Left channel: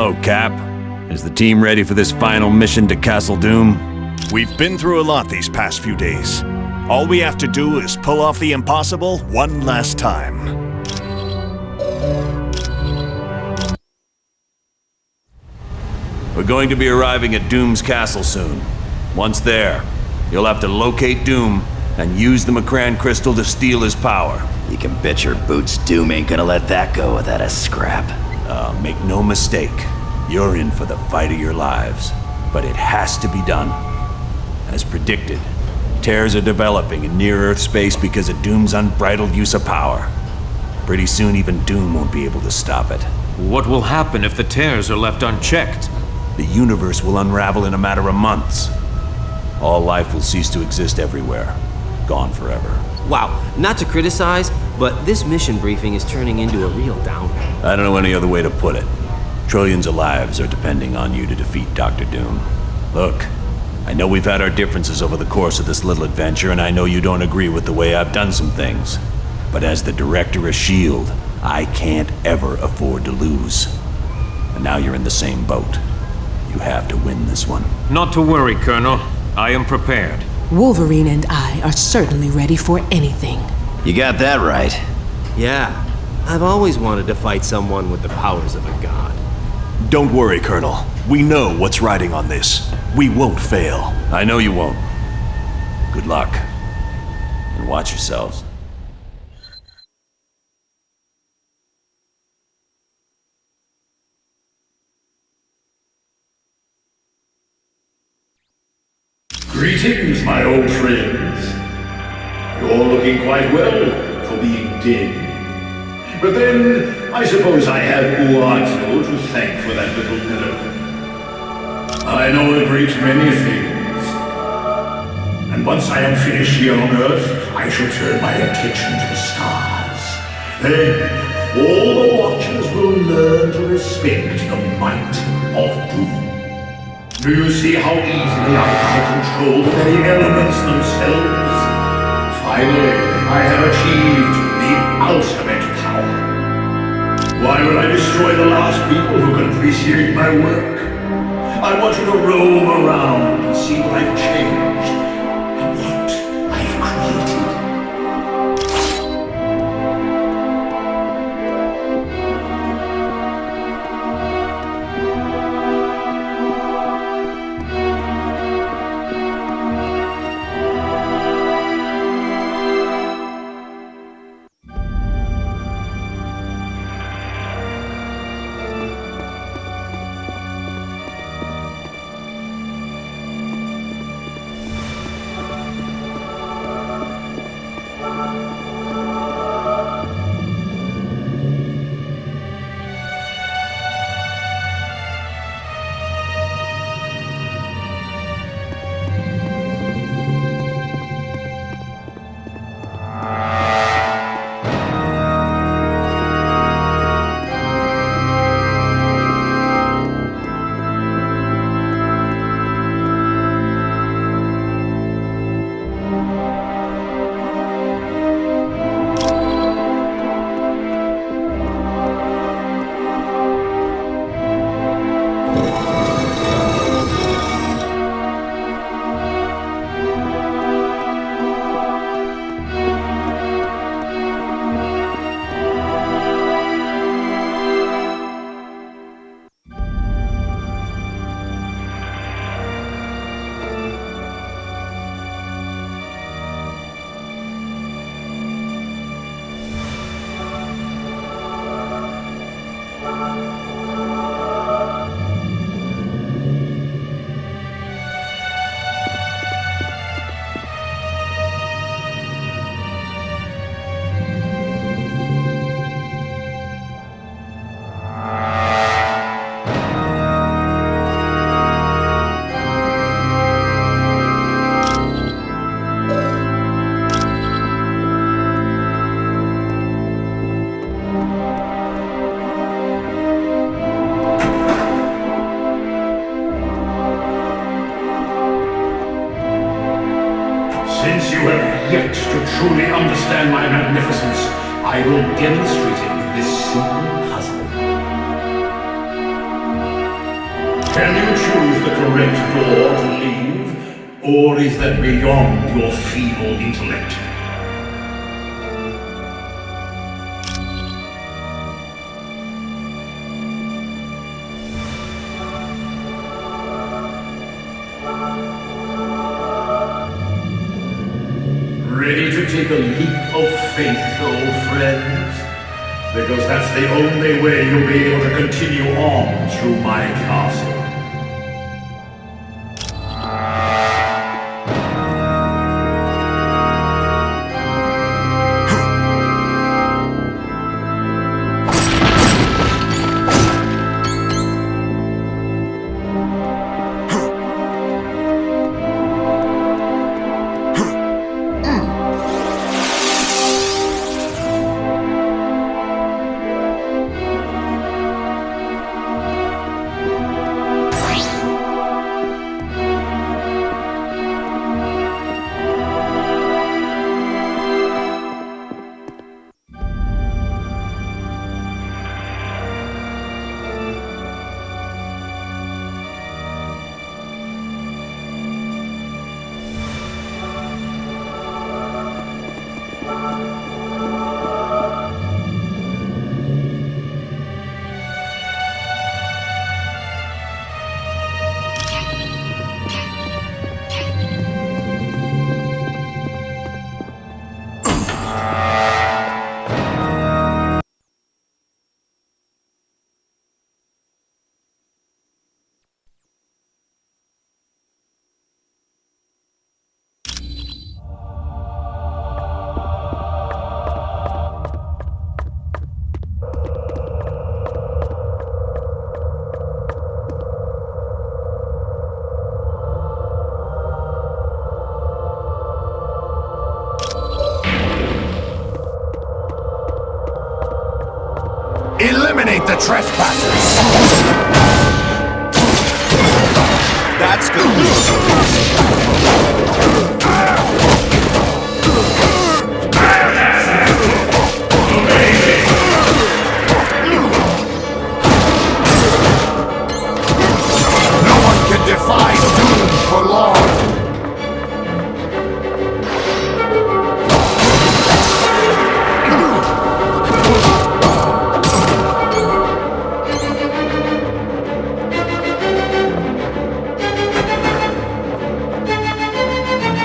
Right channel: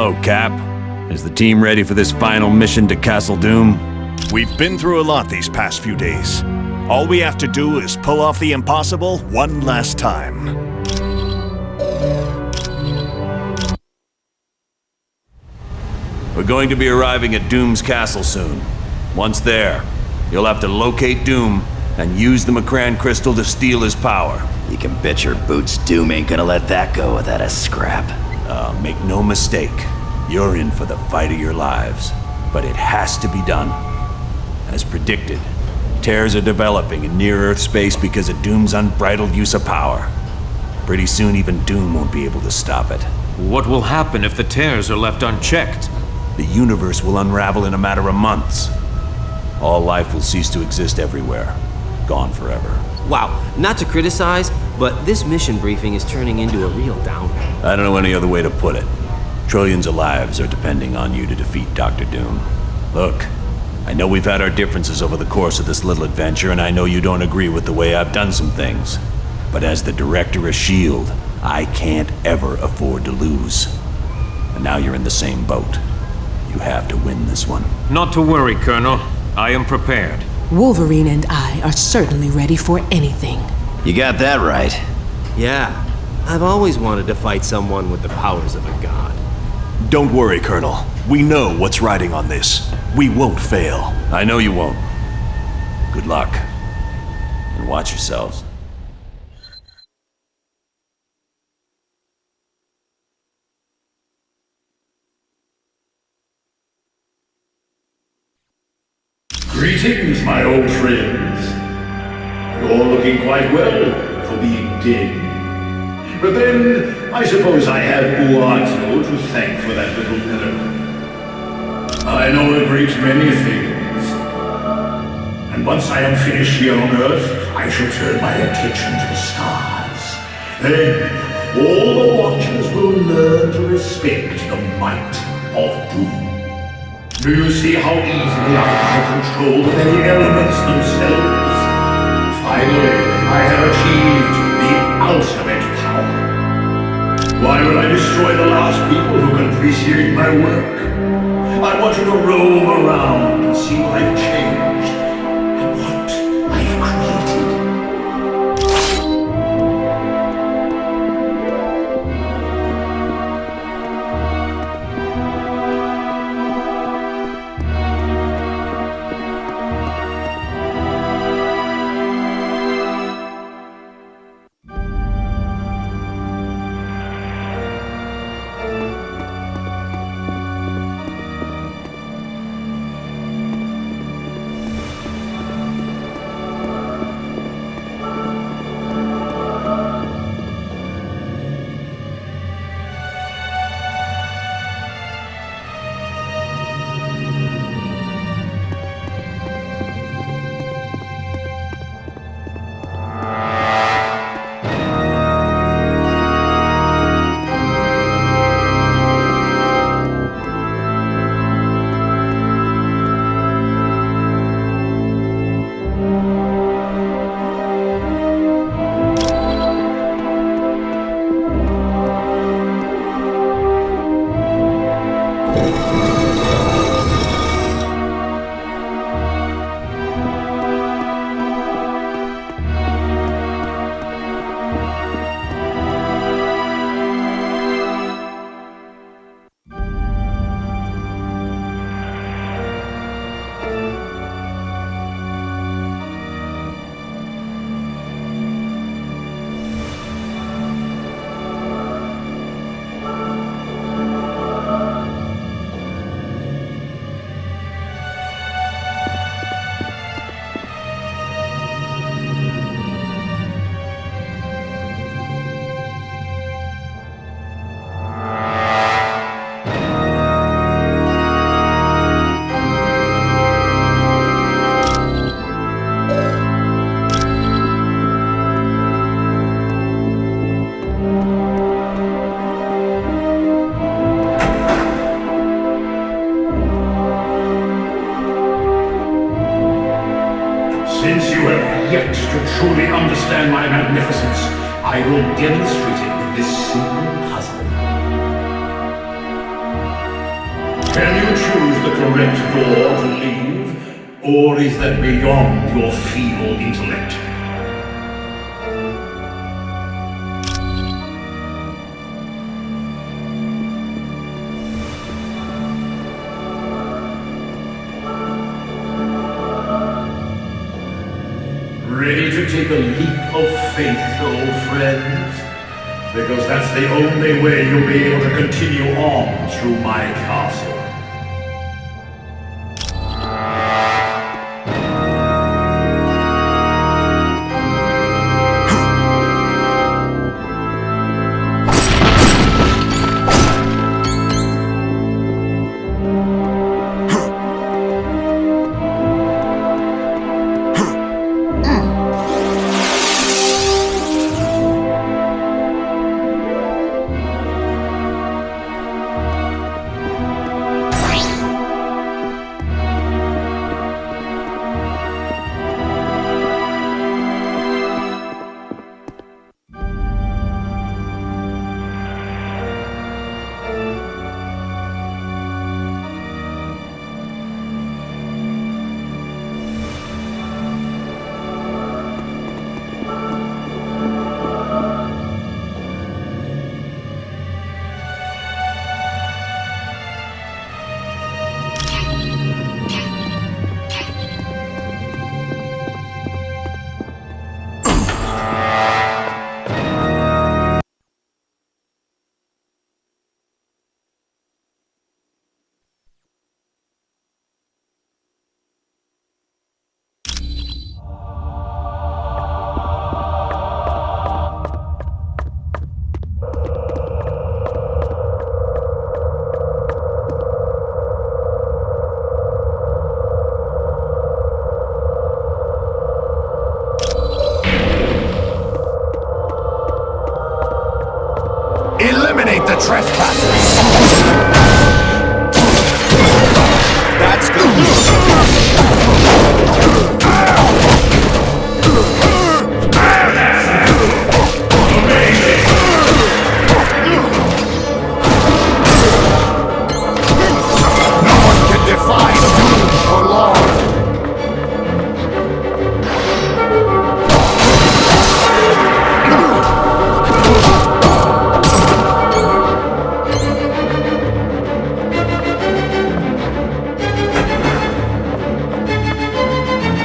Hello, Cap. Is the team ready for this final mission to Castle Doom? We've been through a lot these past few days. All we have to do is pull off the impossible one last time. We're going to be arriving at Doom's castle soon. Once there, you'll have to locate Doom and use the Macran crystal to steal his power. You can bet your boots Doom ain't gonna let that go without a scrap. Make no mistake, you're in for the fight of your lives. But it has to be done. As predicted, tears are developing in near-Earth space because of Doom's unbridled use of power. Pretty soon even Doom won't be able to stop it. What will happen if the tears are left unchecked? The universe will unravel in a matter of months. All life will cease to exist everywhere. Gone forever. Wow, not to criticize, but this mission briefing is turning into a real downer. I don't know any other way to put it. Trillions of lives are depending on you to defeat Dr. Doom. Look, I know we've had our differences over the course of this little adventure, and I know you don't agree with the way I've done some things. But as the director of S.H.I.E.L.D., I can't ever afford to lose. And now you're in the same boat. You have to win this one. Not to worry, Colonel. I am prepared. Wolverine and I are certainly ready for anything. You got that right. Yeah, I've always wanted to fight someone with the powers of a god. Don't worry, Colonel. We know what's riding on this. We won't fail. I know you won't. Good luck. And watch yourselves. Greetings, my old friends. You're looking quite well for being dead. But then, I suppose I have Uatu to thank for that little miracle. I know a great many things. And once I am finished here on Earth, I shall turn my attention to the stars. Then, all the Watchers will learn to respect the might of Doom. Do you see how easily I can control the very elements themselves? Finally, I have achieved the ultimate power. Why would I destroy the last people who can appreciate my work? I want you to roam around and see what I've changed and what I've created. Since you have yet to truly understand my magnificence, I will demonstrate it with this simple puzzle. Can you choose the correct door to leave, or is that beyond your feeble intellect? Ready to take a leap of faith, old friends? Because that's the only way you'll be able to continue on through my castle. Eliminate the trespassers! That's gonna leave a bruise. Amazing! No one can defy doom for long!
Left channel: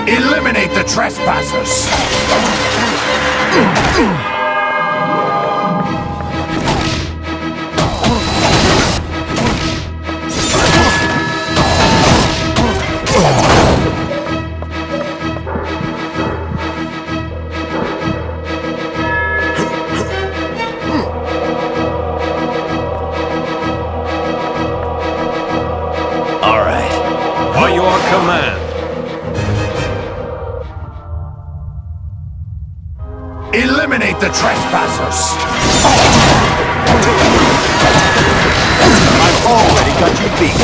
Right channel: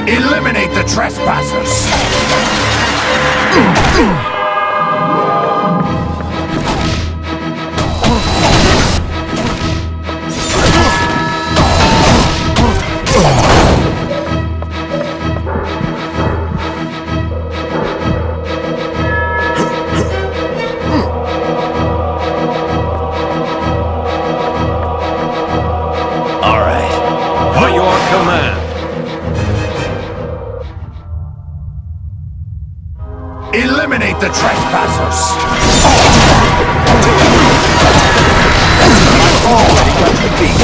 Eliminate the trespassers! All right. By your command. Eliminate the trespassers! I've already got you beat.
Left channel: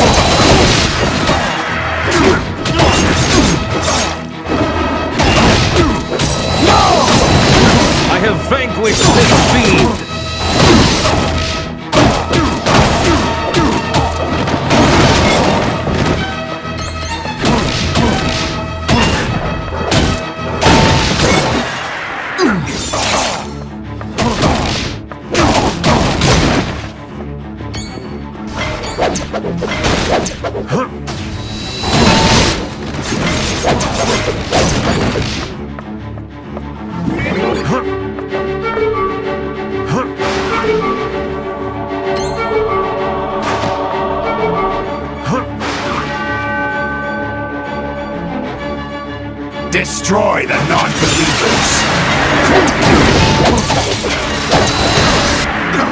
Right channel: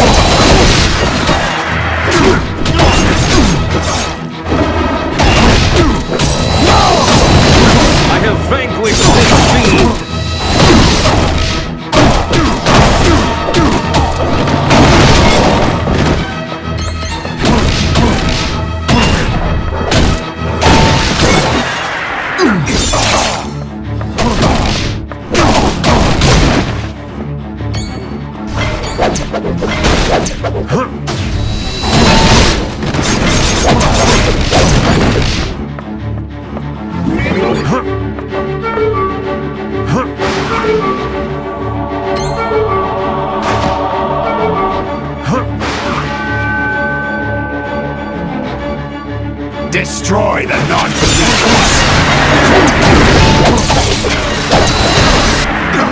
No! I have vanquished this fiend. Destroy the non-believers!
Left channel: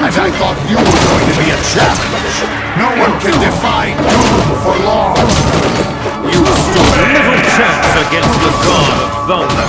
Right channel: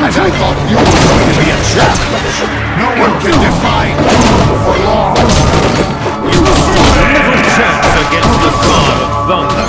And I thought you were going to be a challenge! No one can defy doom for long! You stood little chance against the God of Thunder.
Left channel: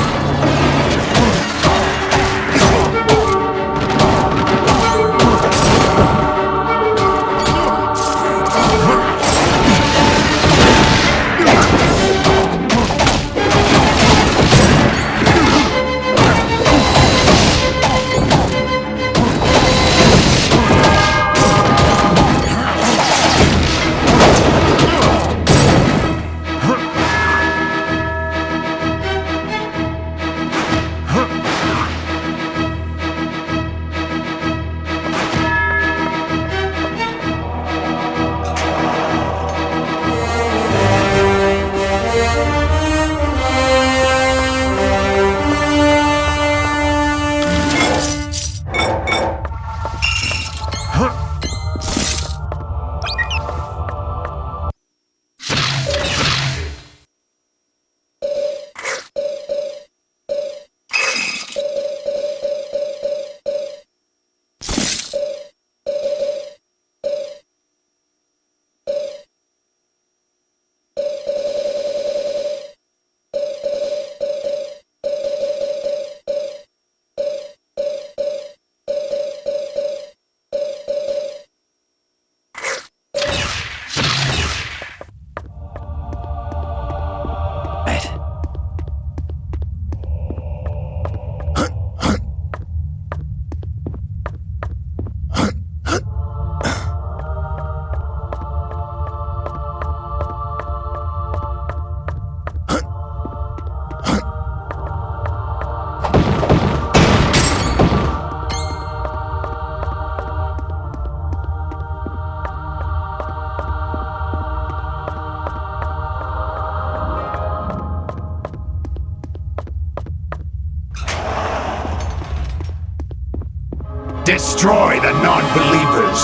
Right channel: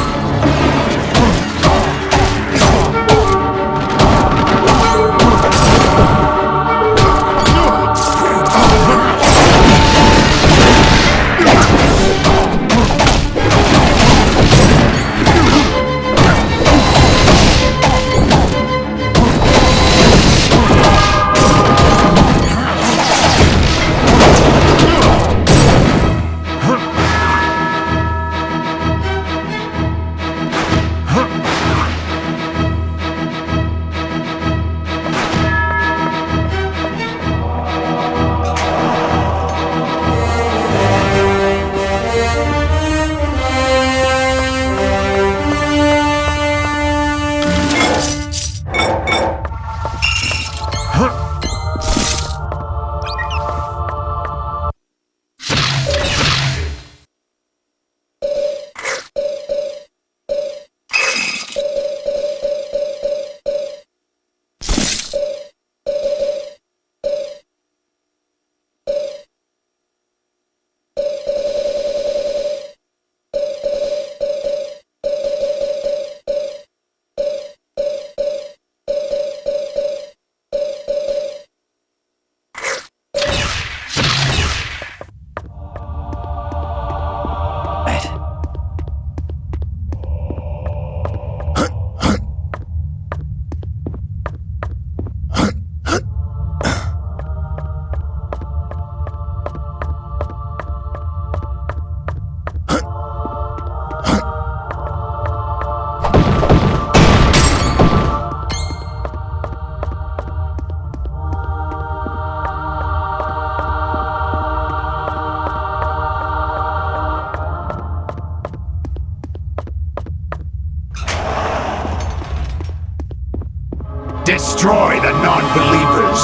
Destroy the non-believers.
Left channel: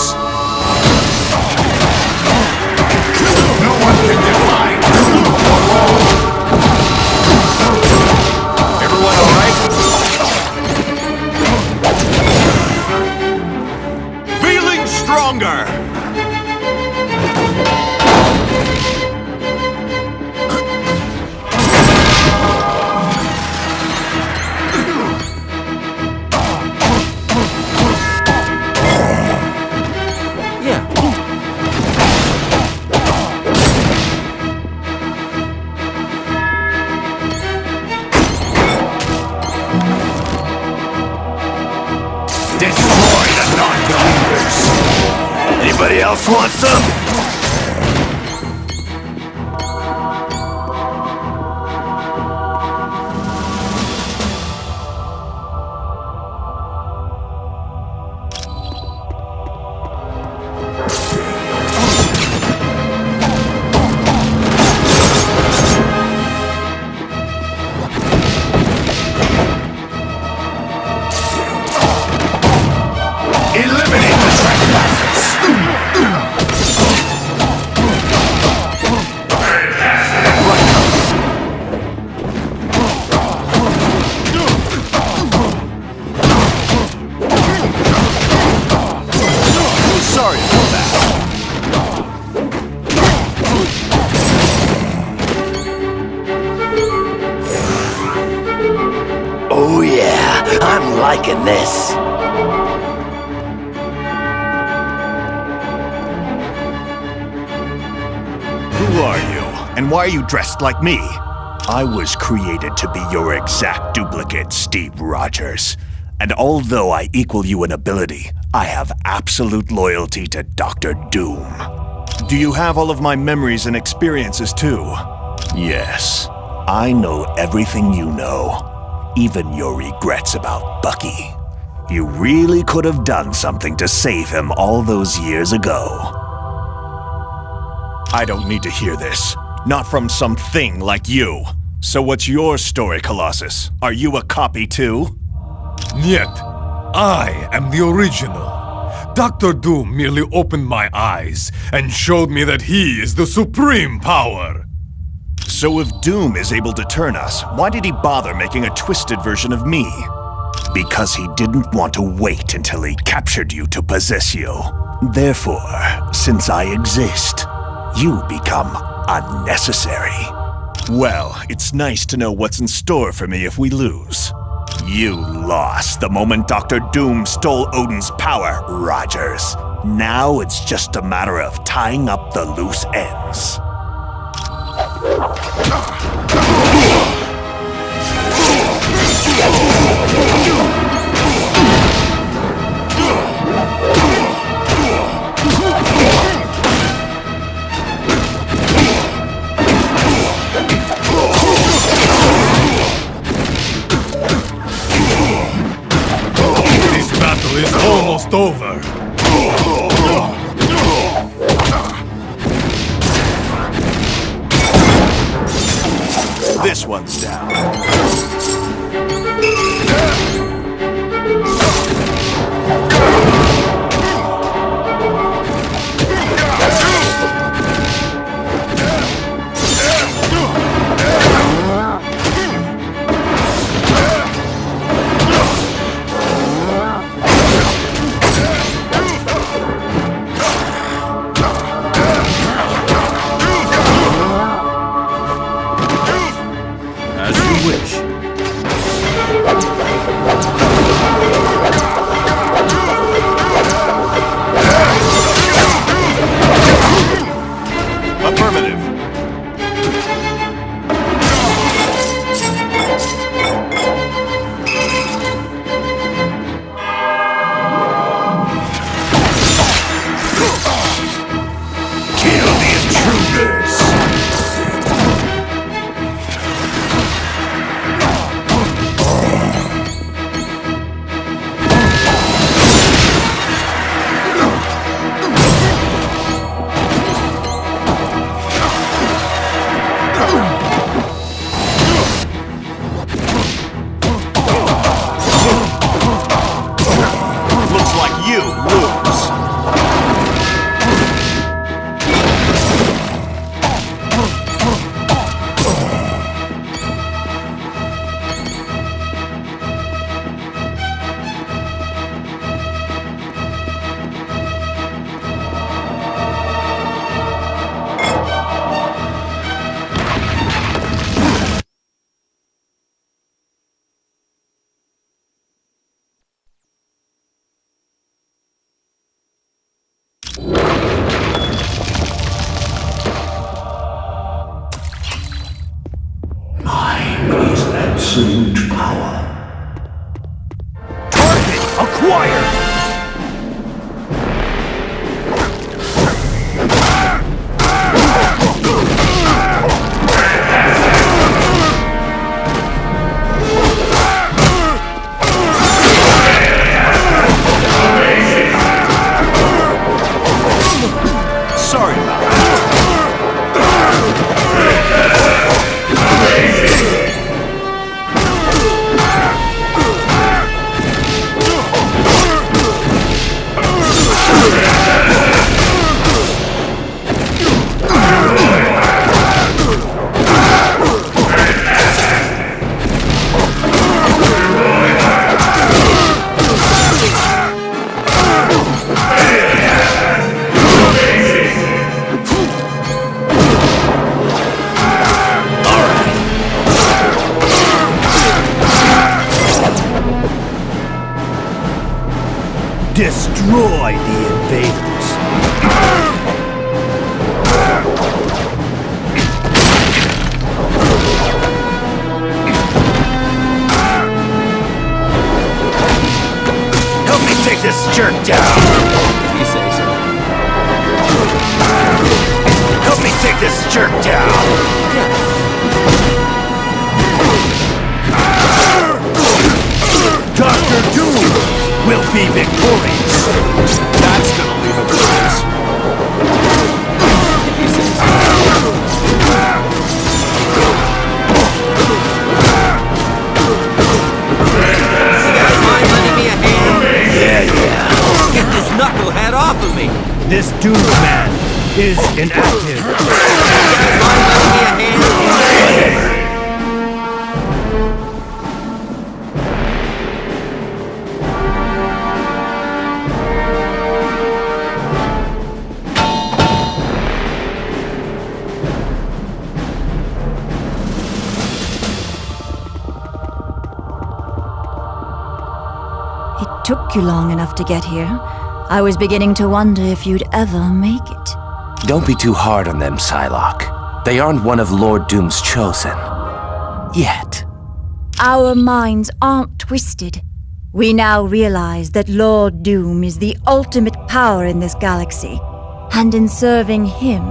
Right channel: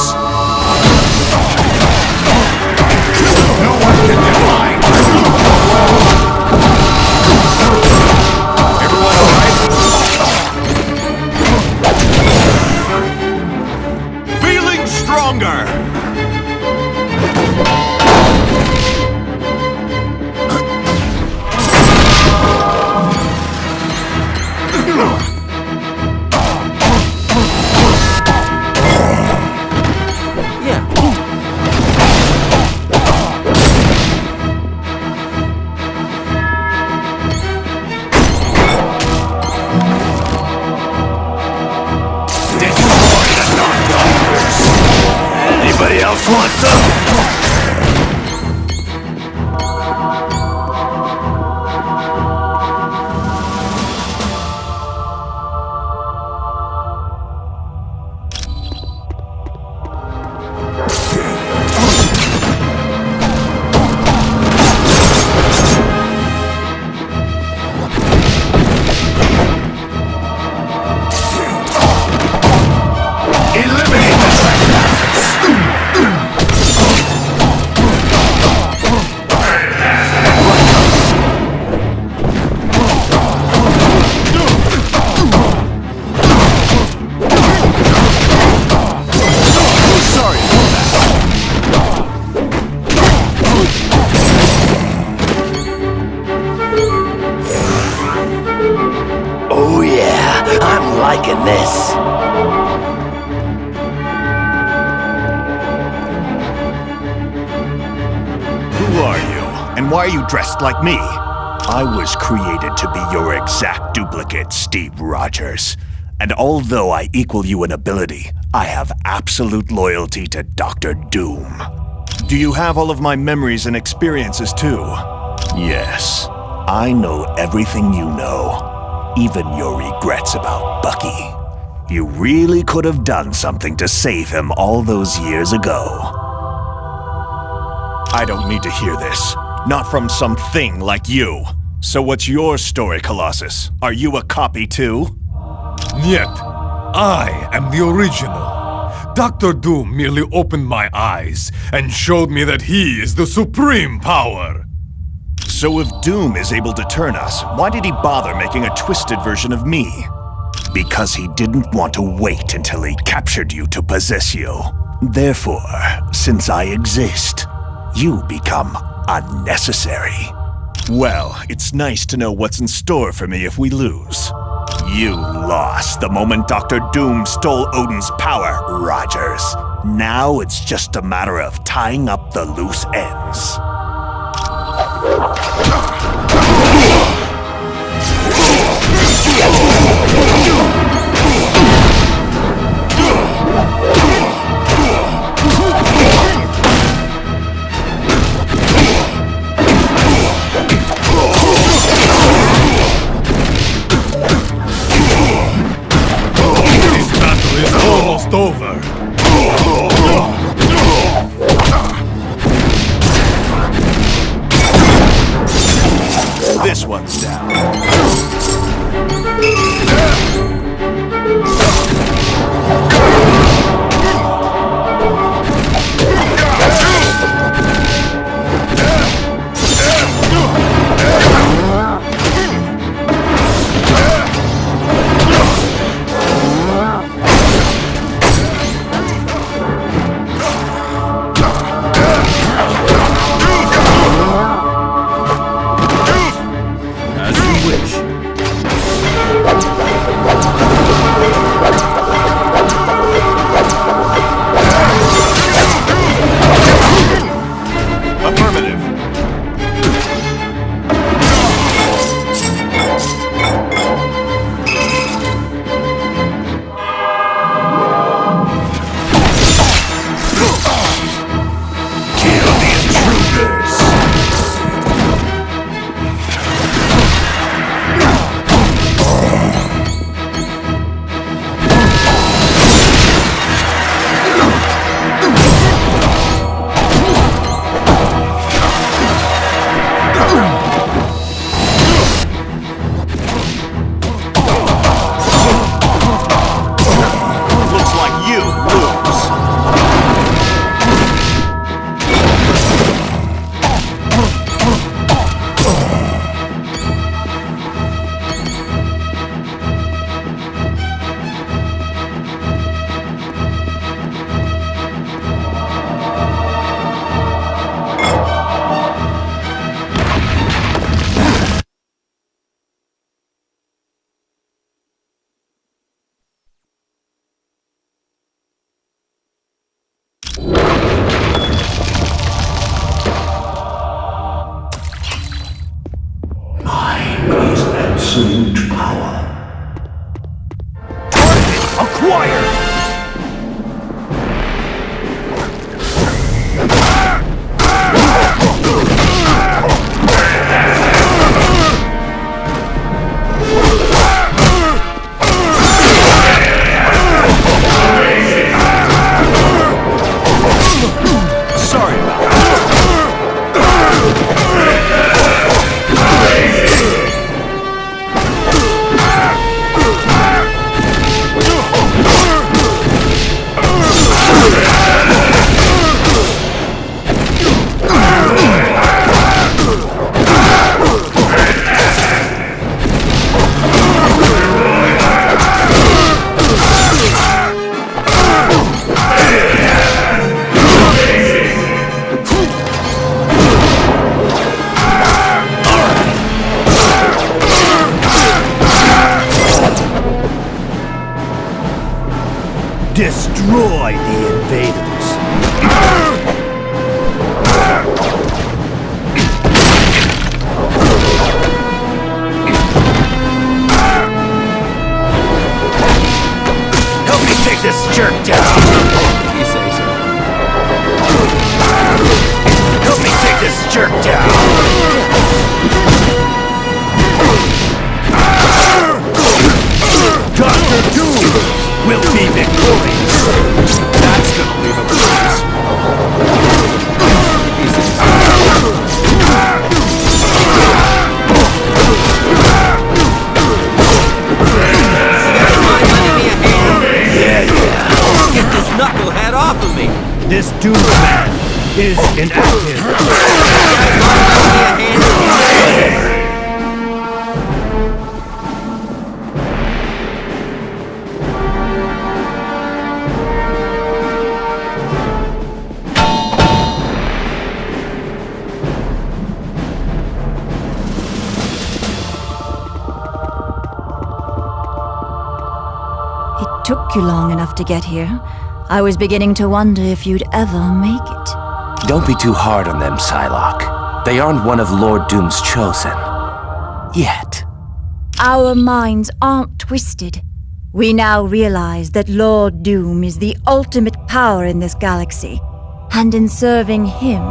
No one can defy Doom for long. Everyone all right? Feeling stronger! Yeah. Destroy the non-believers. Anybody else want some? Eliminate the trespassers. Sorry about that. Oh yeah, I'm liking this. Who are you? And why are you dressed like me? I was created to be your exact duplicate, Steve Rogers. And although I equal you in ability, I have absolute loyalty to Dr. Doom. Do you have all of my memories and experiences too? Yes. I know everything you know, even your regrets about Bucky. You really could have done something to save him all those years ago. I don't need to hear this. Not from some thing like you. So what's your story, Colossus? Are you a copy too? Yet, I am the original. Dr. Doom merely opened my eyes and showed me that he is the supreme power. So if Doom is able to turn us, why did he bother making a twisted version of me? Because he didn't want to wait until he captured you to possess you. Therefore, since I exist, you become unnecessary. Well, it's nice to know what's in store for me if we lose. You lost the moment Dr. Doom stole Odin's power, Rogers. Now it's just a matter of tying up the loose ends. This battle is almost over. This one's down. As you wish. looks like you lose. Mine is absolute power. Target acquired! Sorry about that. Destroy the invaders. Help me take this jerk down. If you say so. Help me take this jerk down. Dr. Doom will be victorious. That's gonna leave a bruise. If you say so. You guys mind lending me a hand? Yeah. Get this knucklehead off of me! This Doomsman is inactive. You guys mind lending me a hand? It took you long enough to get here. I was beginning to wonder if you'd ever make it. Don't be too hard on them, Psylocke. They aren't one of Lord Doom's chosen. Yet. Our minds aren't twisted. We now realize that Lord Doom is the ultimate power in this galaxy. And in serving him,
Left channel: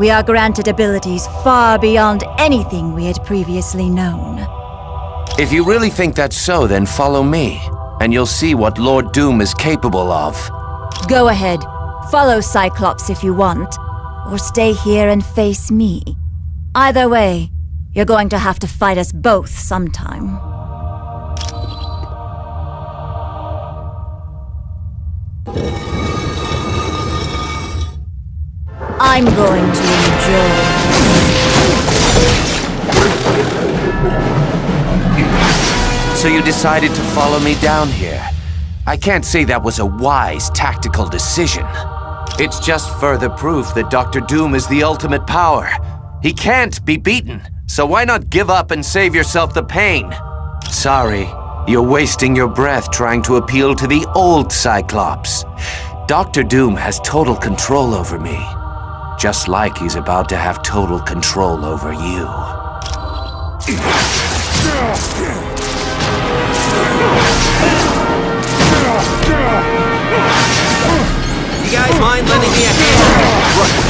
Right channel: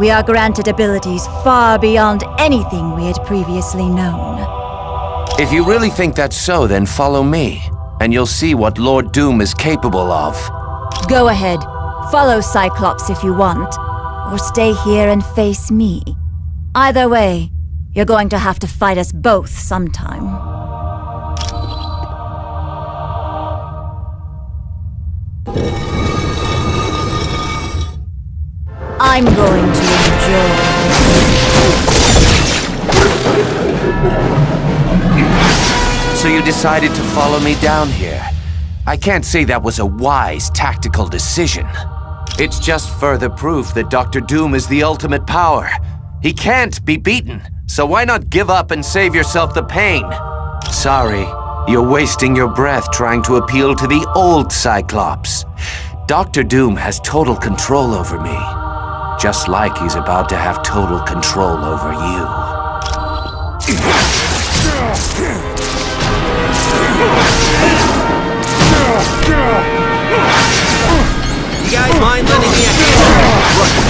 we are granted abilities far beyond anything we had previously known. If you really think that's so, then follow me, and you'll see what Lord Doom is capable of. Go ahead. Follow Cyclops if you want. Or stay here and face me. Either way, you're going to have to fight us both sometime. I'm going to enjoy this. So you decided to follow me down here. I can't say that was a wise, tactical decision. It's just further proof that Dr. Doom is the ultimate power. He can't be beaten, so why not give up and save yourself the pain? Sorry, you're wasting your breath trying to appeal to the old Cyclops. Dr. Doom has total control over me, just like he's about to have total control over you. You guys mind lending me a hand? Right.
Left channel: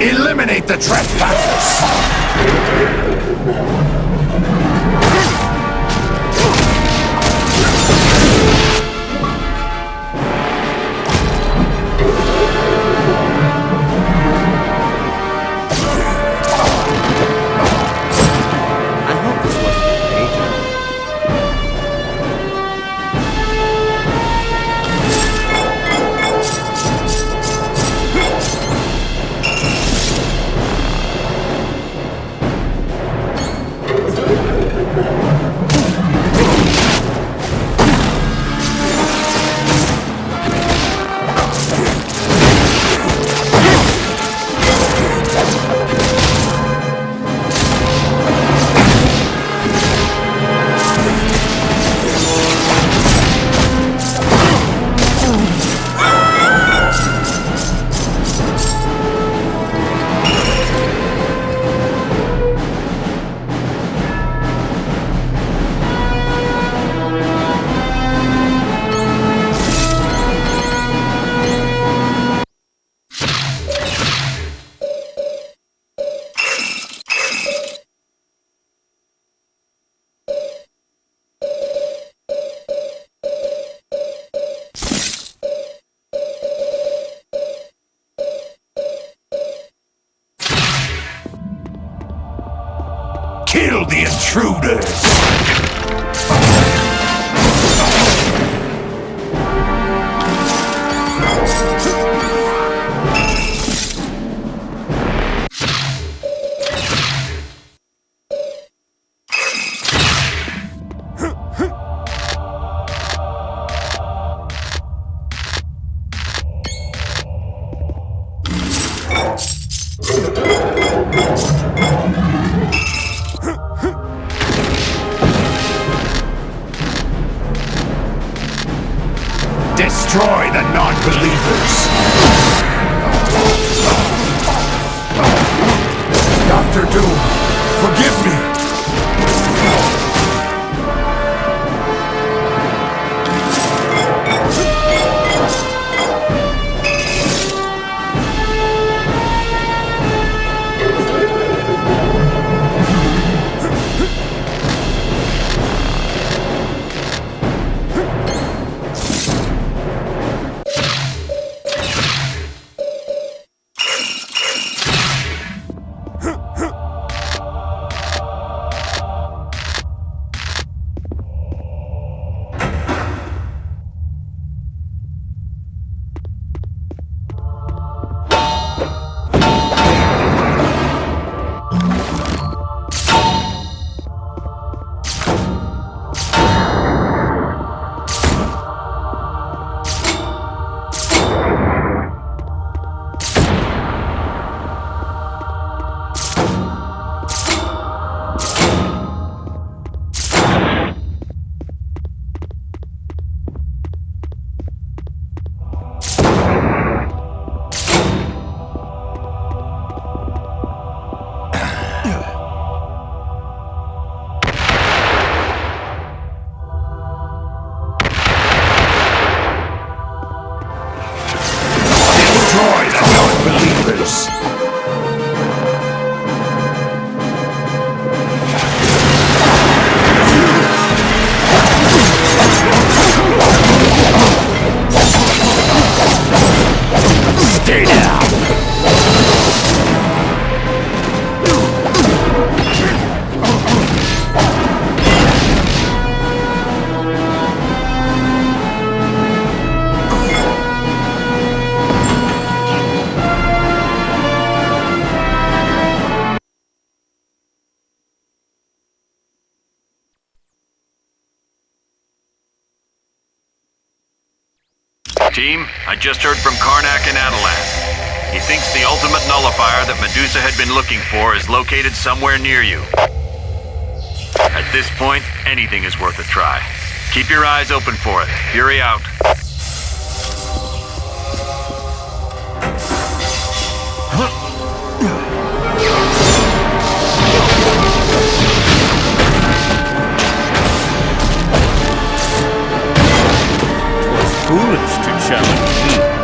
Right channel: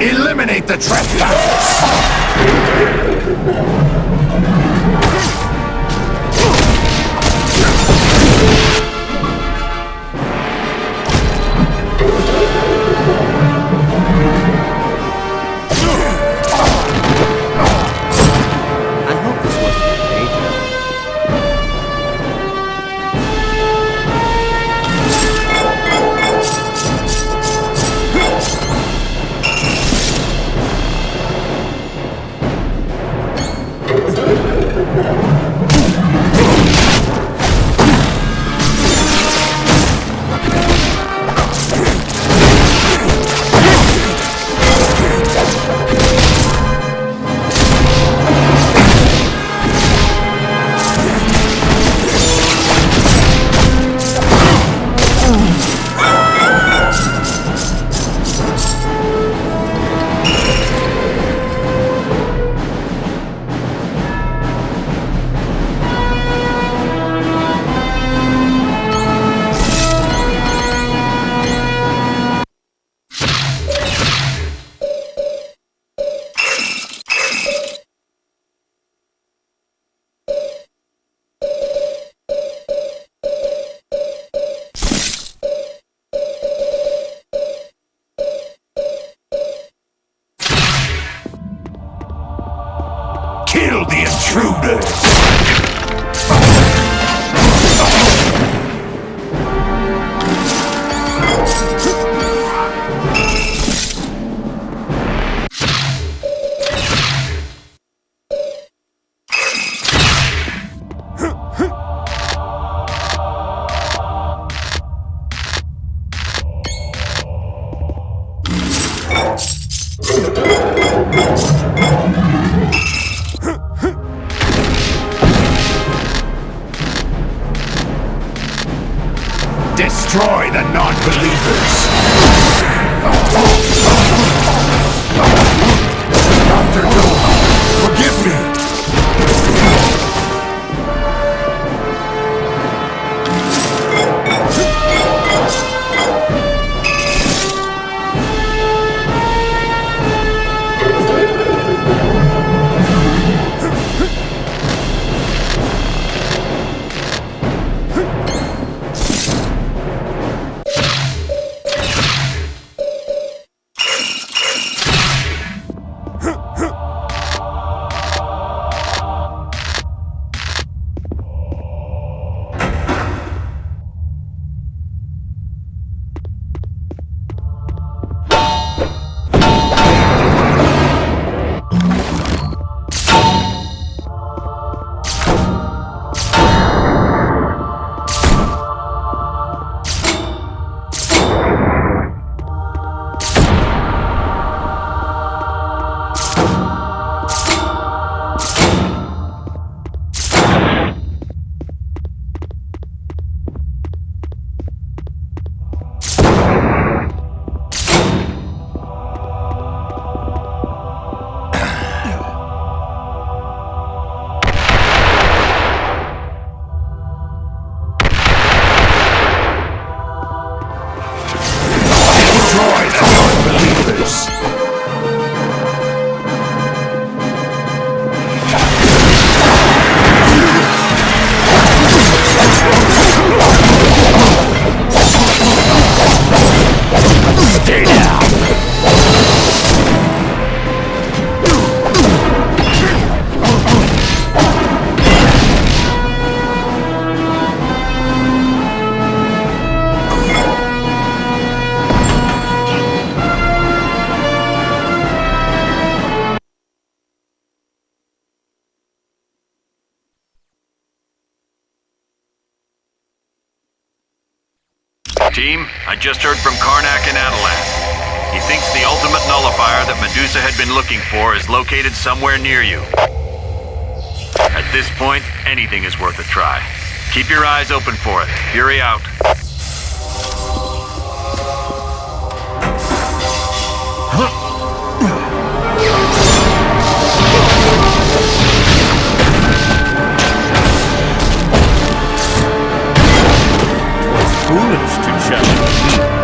Eliminate the trespassers! Kill the intruders! Destroy the non-believers! Dr. Doom, forgive me! Destroy the non-believers! As you wish. Stay down! Team, I just heard from Karnak and Adelan. He thinks the ultimate nullifier that Medusa had been looking for is located somewhere near you. At this point, anything is worth a try. Keep your eyes open for it. Fury out. Foolish to challenge me.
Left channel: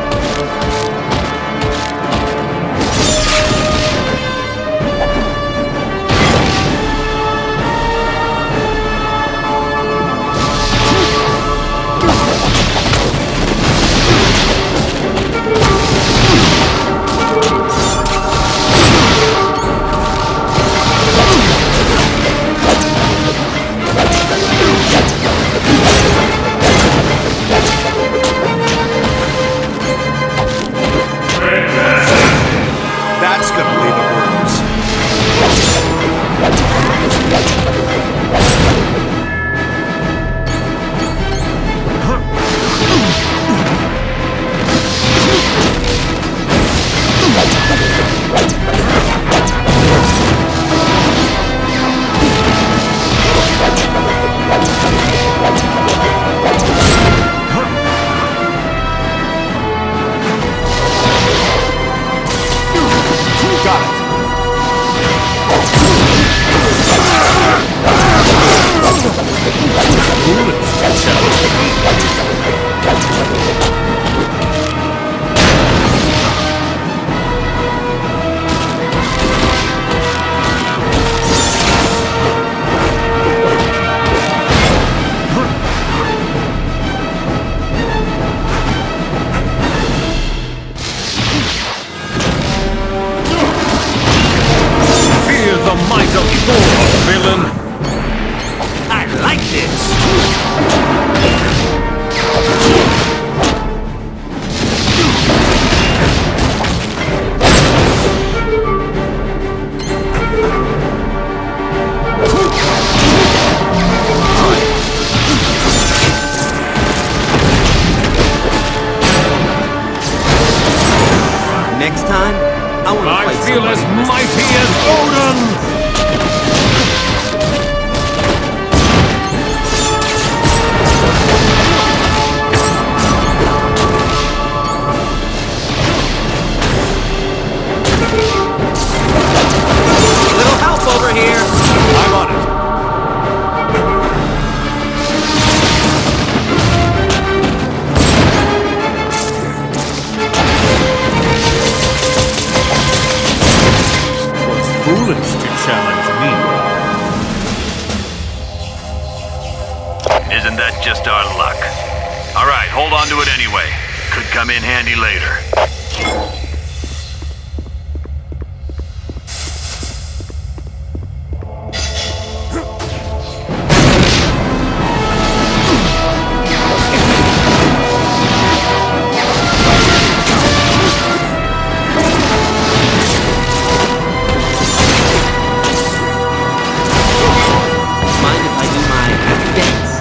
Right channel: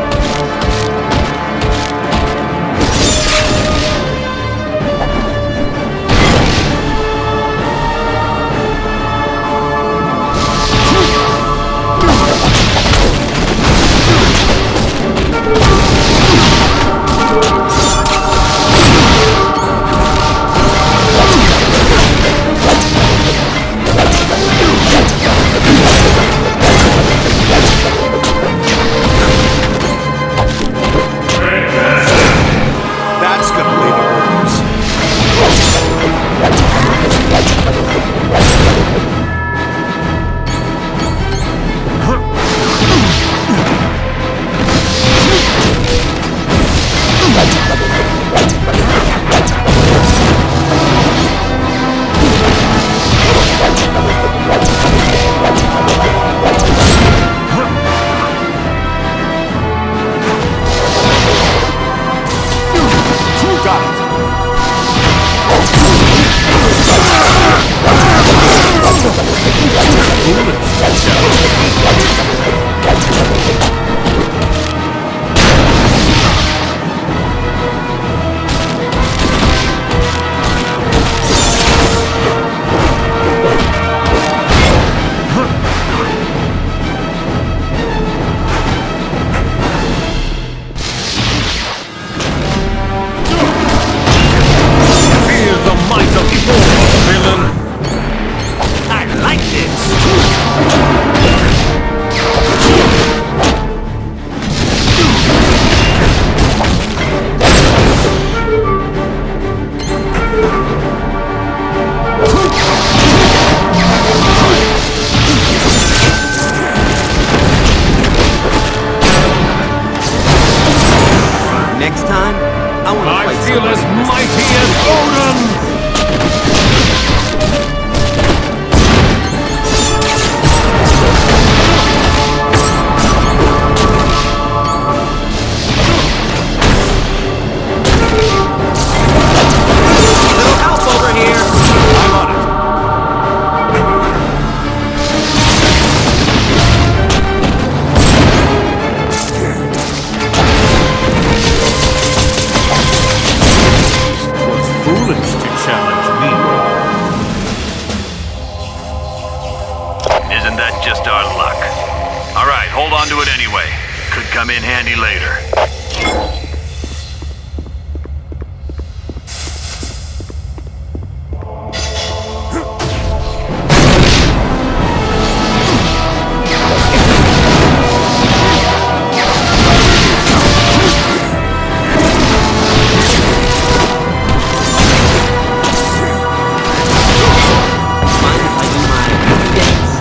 Next time, I want to I fight feel somebody as who mighty as Odin! Little help over here! I'm on it. Foolish to challenge me. Isn't that just our luck? All right, hold on to it anyway. Could come in handy later. Mind if I do my happy dance?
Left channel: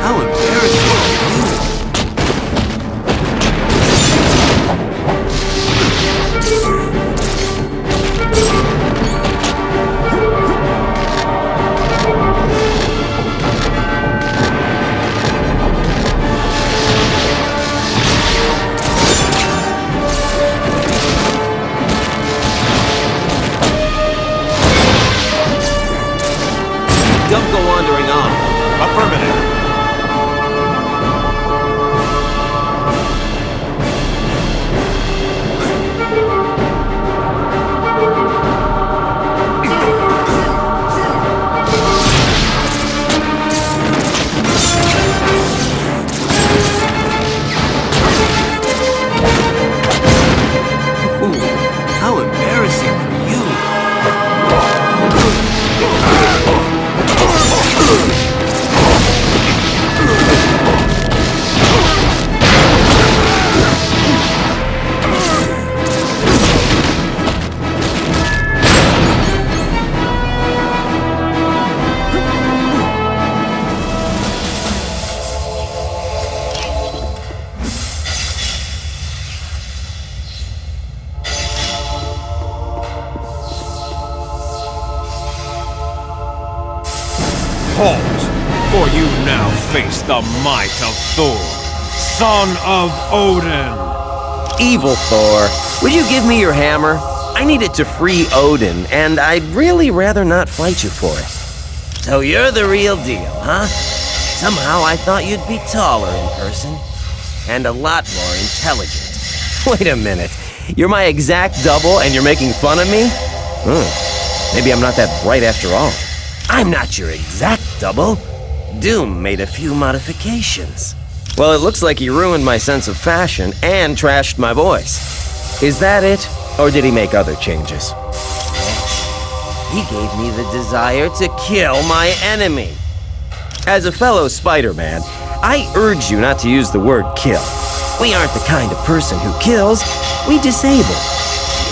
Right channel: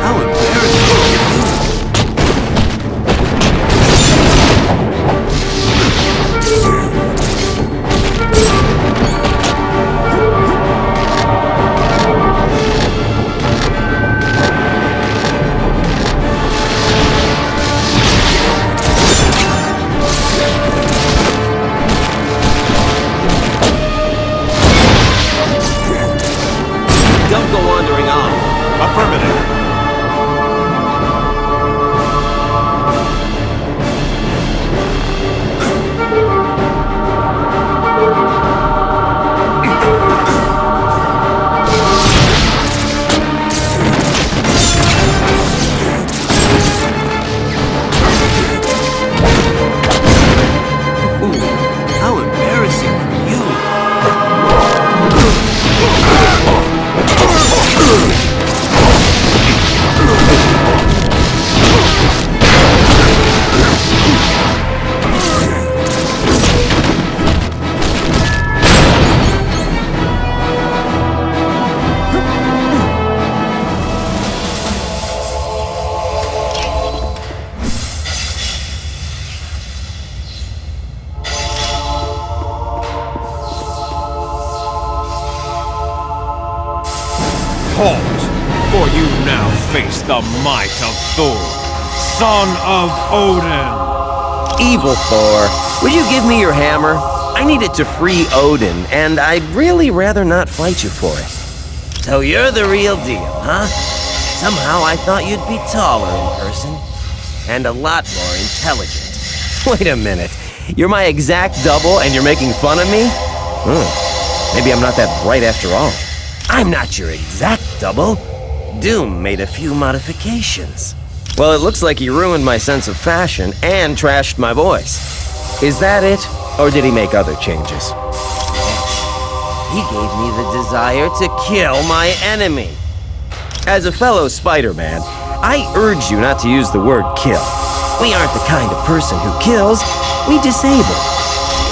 How embarrassing for you! Don't go wandering off. Affirmative. Ooh, how embarrassing for you! Halt, for you now face the might of Thor, son of Odin. Evil Thor, would you give me your hammer? I need it to free Odin, and I'd really rather not fight you for it. So you're the real deal, huh? Somehow I thought you'd be taller in person, and a lot more intelligent. Wait a minute, you're my exact double and you're making fun of me? Maybe I'm not that bright after all. I'm not your exact double. Doom made a few modifications. Well, it looks like he ruined my sense of fashion and trashed my voice. Is that it? Or did he make other changes? He gave me the desire to kill my enemy. As a fellow Spider-Man, I urge you not to use the word kill. We aren't the kind of person who kills, we disable.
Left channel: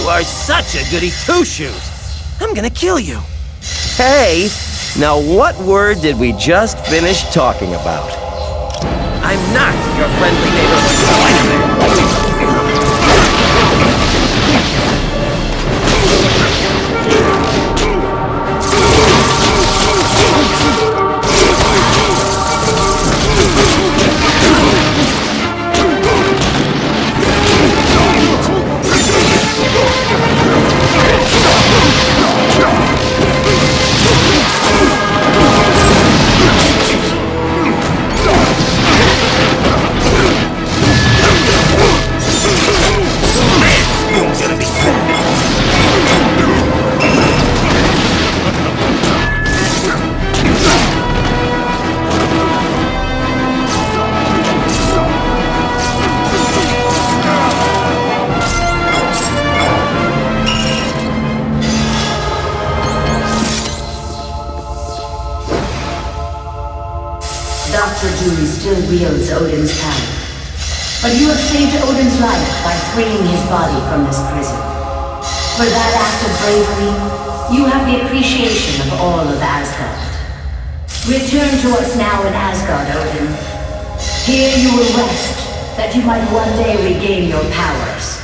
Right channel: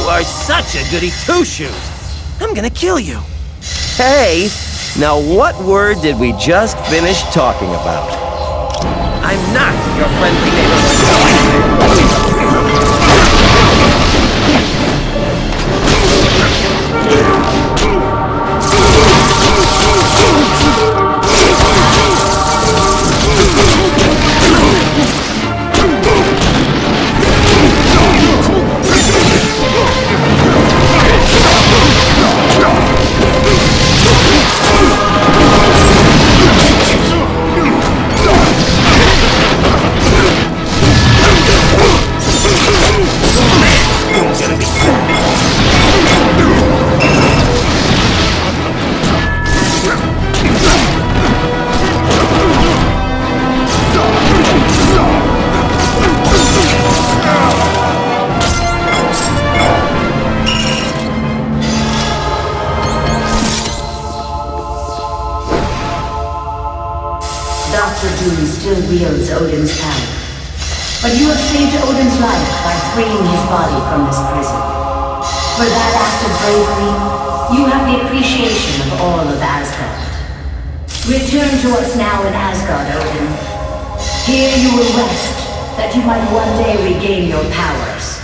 You are such a goody two-shoes. I'm gonna kill you. Hey, now what word did we just finish talking about? I'm not your friendly neighborhood Spider-Man. Dr. Doom still wields Odin's power. But you have saved Odin's life by freeing his body from this prison. For that act of bravery, you have the appreciation of all of Asgard. Return to us now in Asgard, Odin. Here you will rest, that you might one day regain your powers.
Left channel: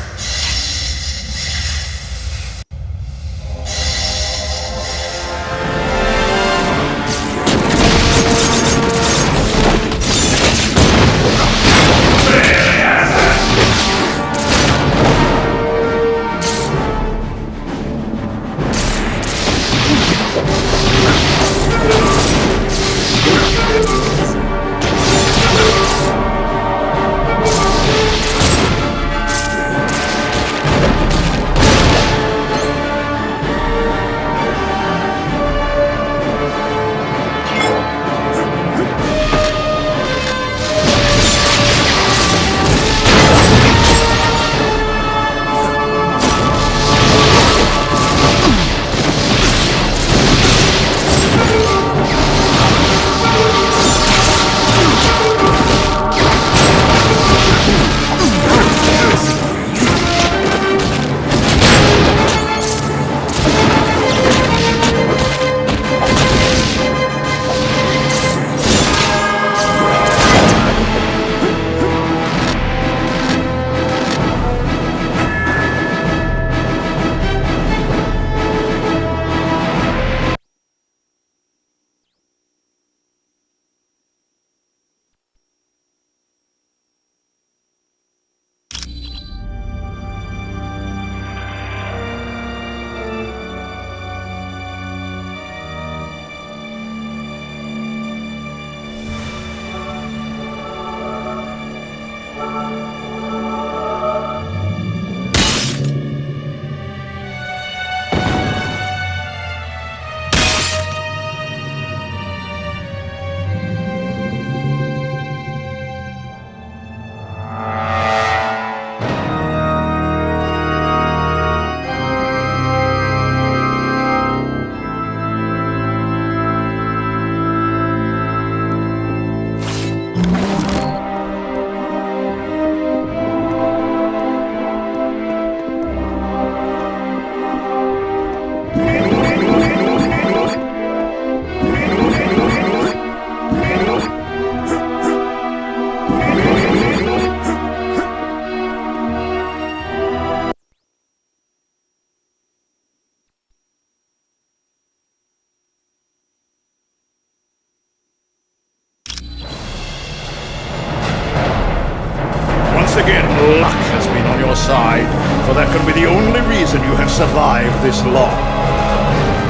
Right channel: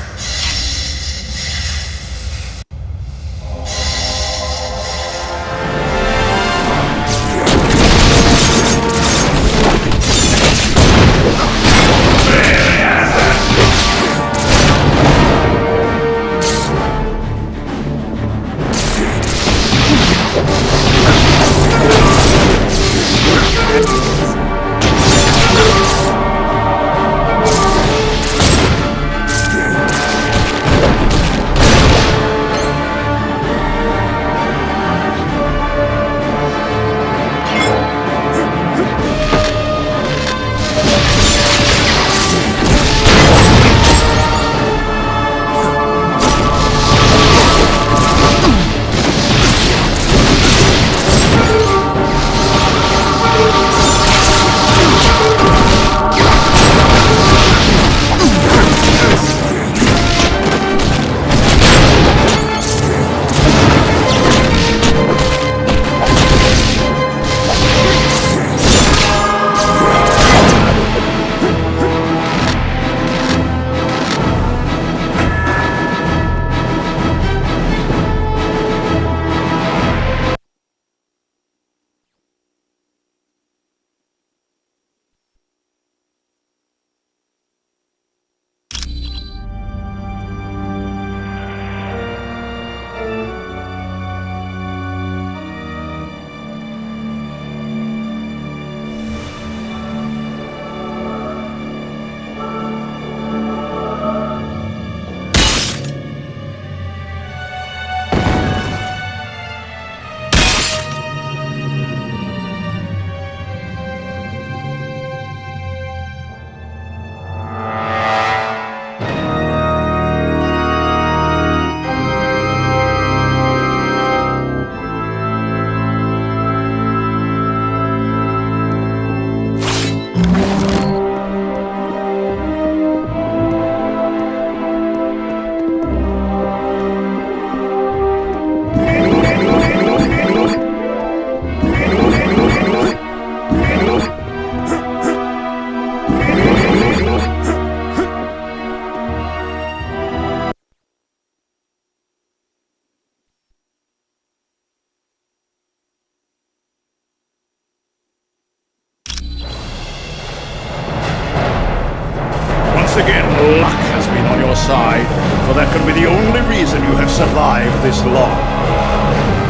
Once again, luck has been on your side, for that can be the only reason you have survived this long.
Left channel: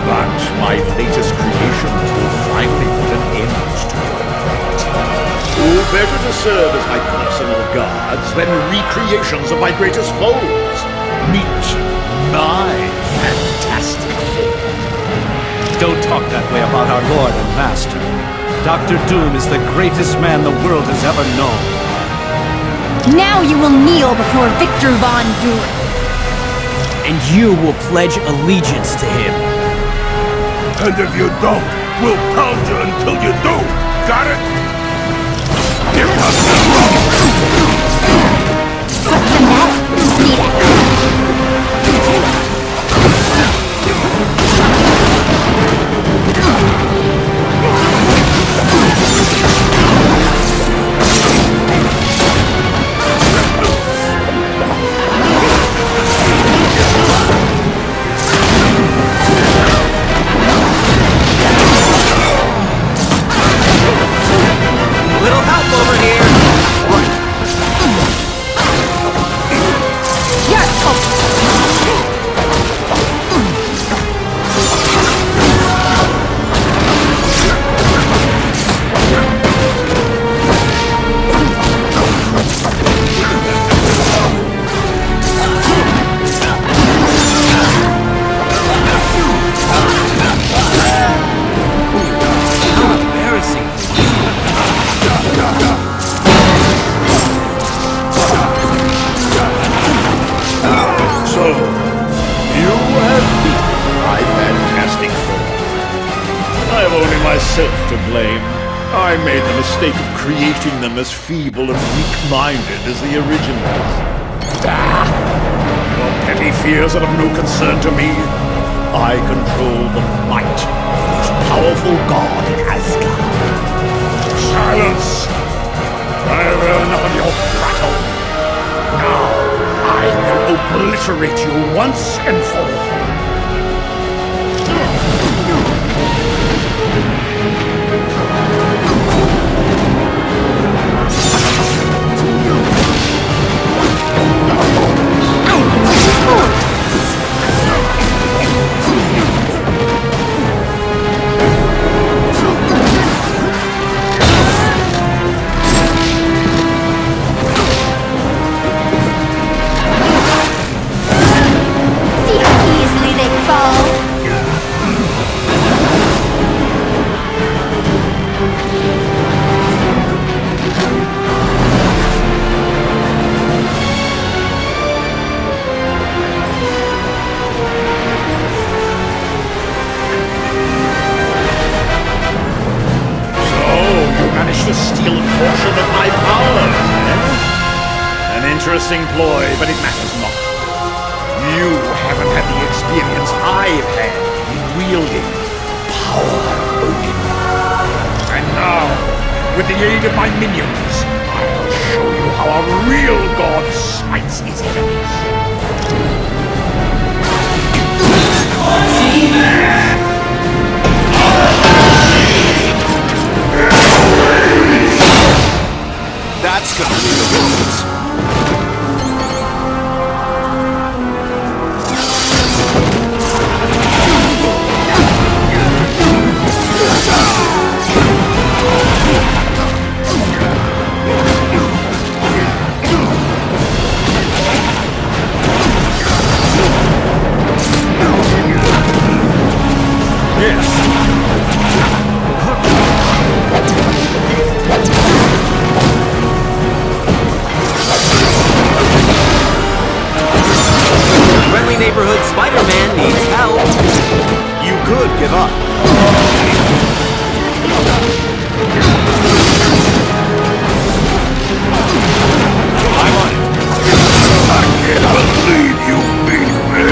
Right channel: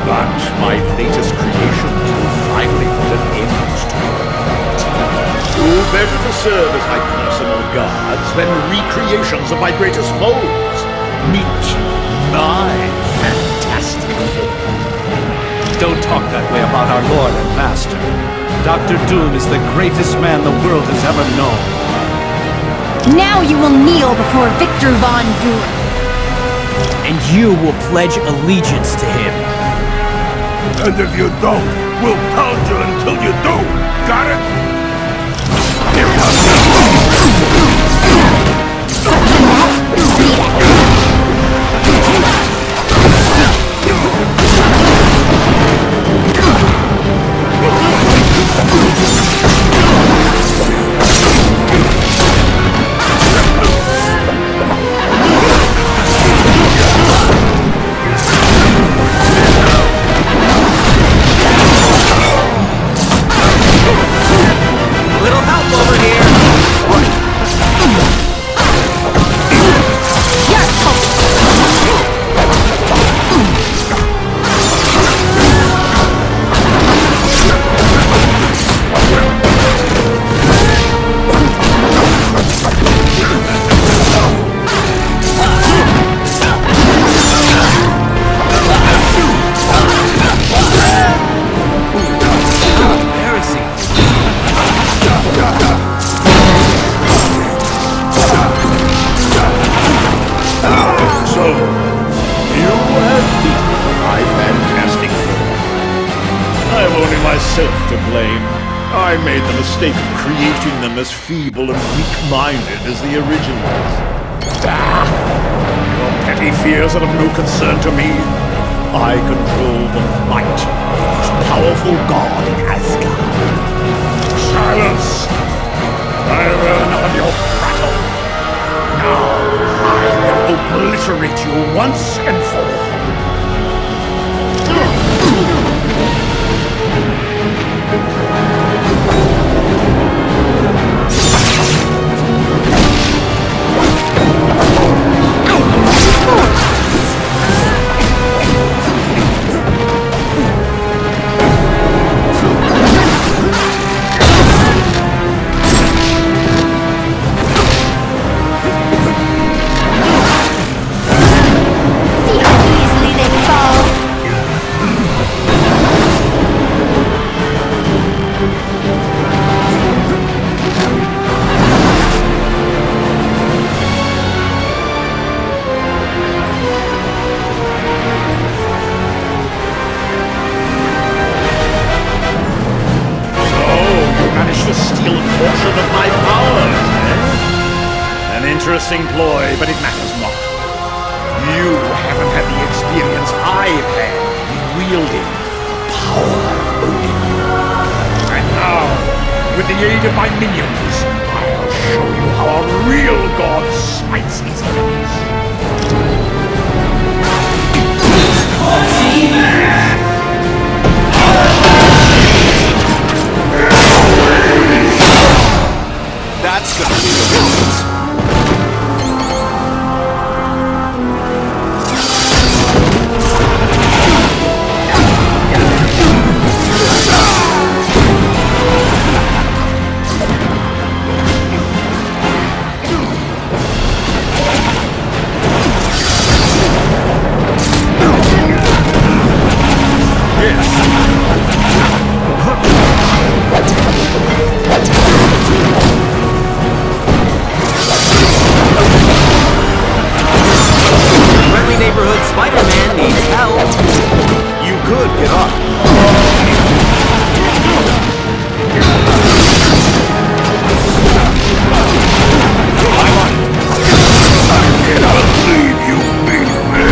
But my latest creations will finally put an end to it. Who better to serve as my personal guards than recreations of my greatest foes? Meet my fantastic four. Don't talk that way about our Lord and Master. Dr. Doom is the greatest man the world has ever known. Now you will kneel before Victor Von Doom. And you will pledge allegiance to him. And if you don't, we'll pound you until you do. Got it? Here comes trouble. What's the matter? Need it. Little help over here. Right. So, you have beaten my fantastic foe. I have only myself to blame. I made the mistake of creating them as feeble and weak-minded as the originals. Your petty fears are of no concern to me. I control the might of the most powerful god in Asgard. Silence! I have enough of your prattle. Now, I will obliterate you once and for all. See how easily they fall? To steal a portion of my powers, eh? An interesting ploy, but it matters not. You haven't had the experience I've had in wielding the power of Odin. And now, with the aid of my minions, I'll show you how a real god smites his enemies. That's gonna leave a wounds. Neighborhood Spider-Man needs help. You could give up. I'm on it. I can't believe you beat me.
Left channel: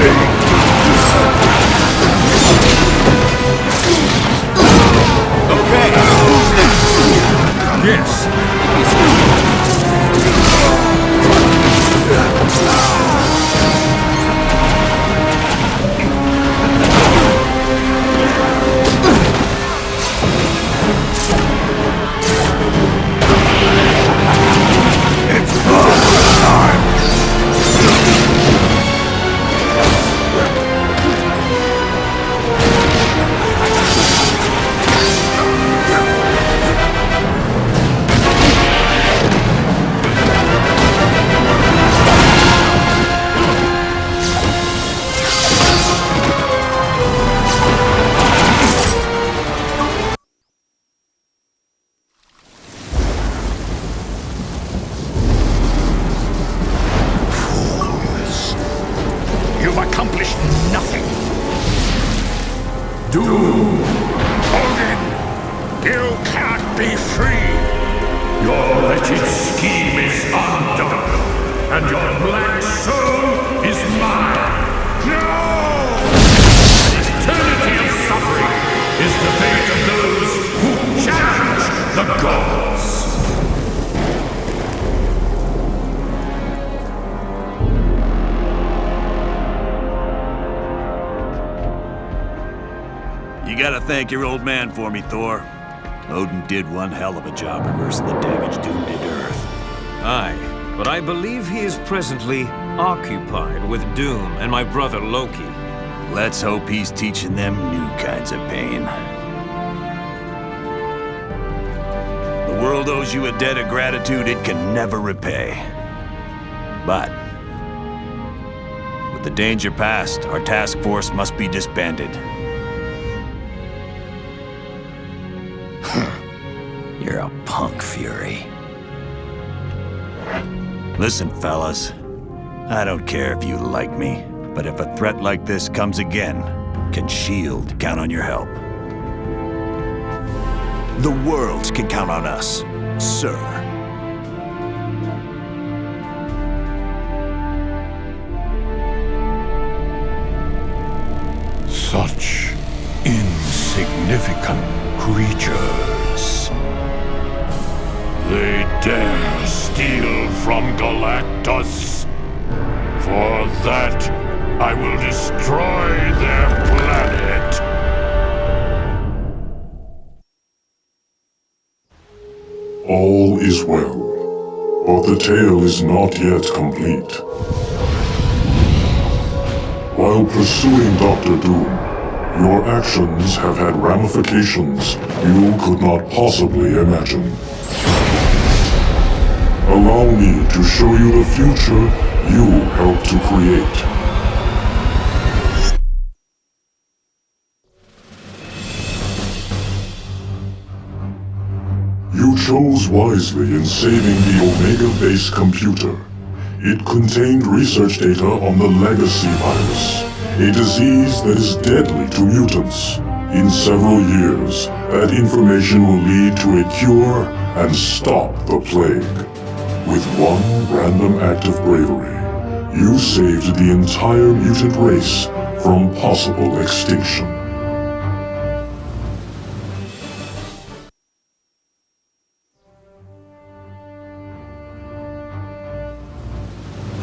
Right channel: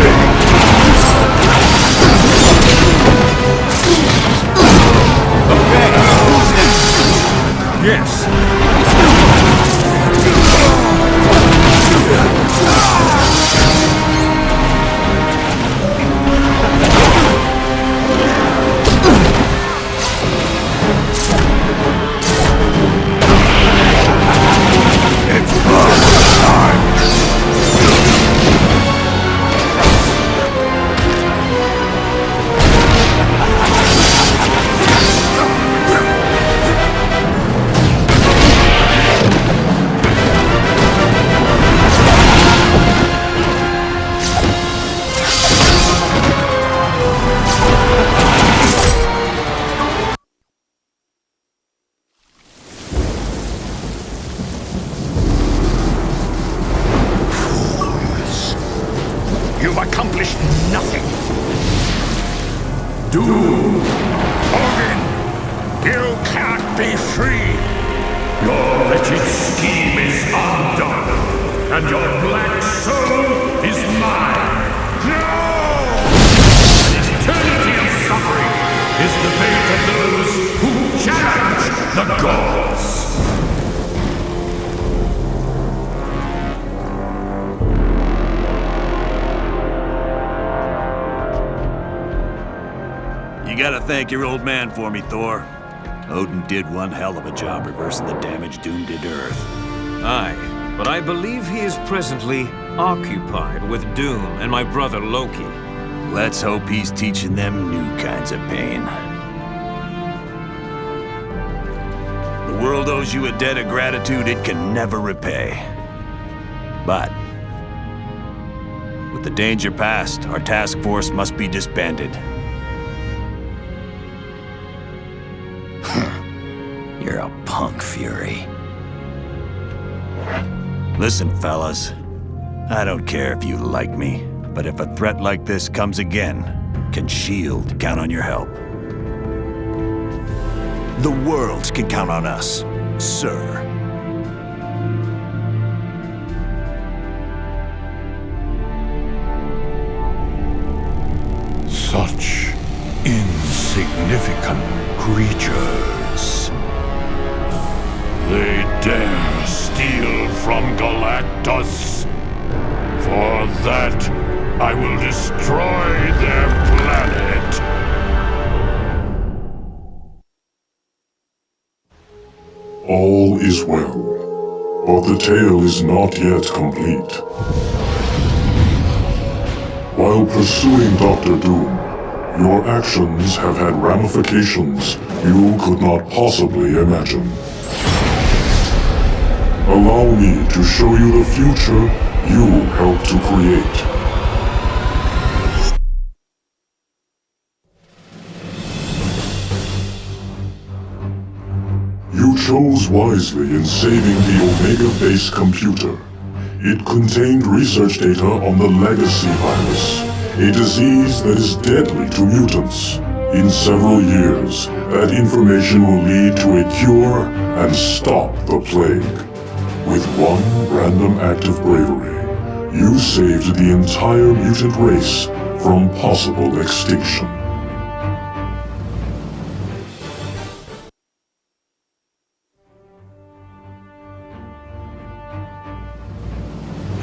Okay, who's next? Yes. If you say so. It's Barbara time! You've accomplished nothing. Doom! Odin! You can't be free! Your wretched scheme is undone, and your black soul is mine! No! An eternity of suffering is the fate of those who challenge the gods! You gotta thank your old man for me, Thor. Odin did one hell of a job reversing the damage Doom did to Earth. Aye, but I believe he is presently occupied with Doom and my brother Loki. Let's hope he's teaching them new kinds of pain. The world owes you a debt of gratitude it can never repay. But with the danger past, our task force must be disbanded. You're a punk, Fury. Listen, fellas. I don't care if you like me, but if a threat like this comes again, can S.H.I.E.L.D. count on your help? The world can count on us, sir. Such insignificant creatures. They dare steal from Galactus. For that, I will destroy their planet. All is well, but the tale is not yet complete. While pursuing Dr. Doom, your actions have had ramifications you could not possibly imagine. Allow me to show you the future you helped to create. You chose wisely in saving the Omega-based computer. It contained research data on the Legacy virus, a disease that is deadly to mutants. In several years, that information will lead to a cure and stop the plague. With one random act of bravery, you saved the entire mutant race from possible extinction.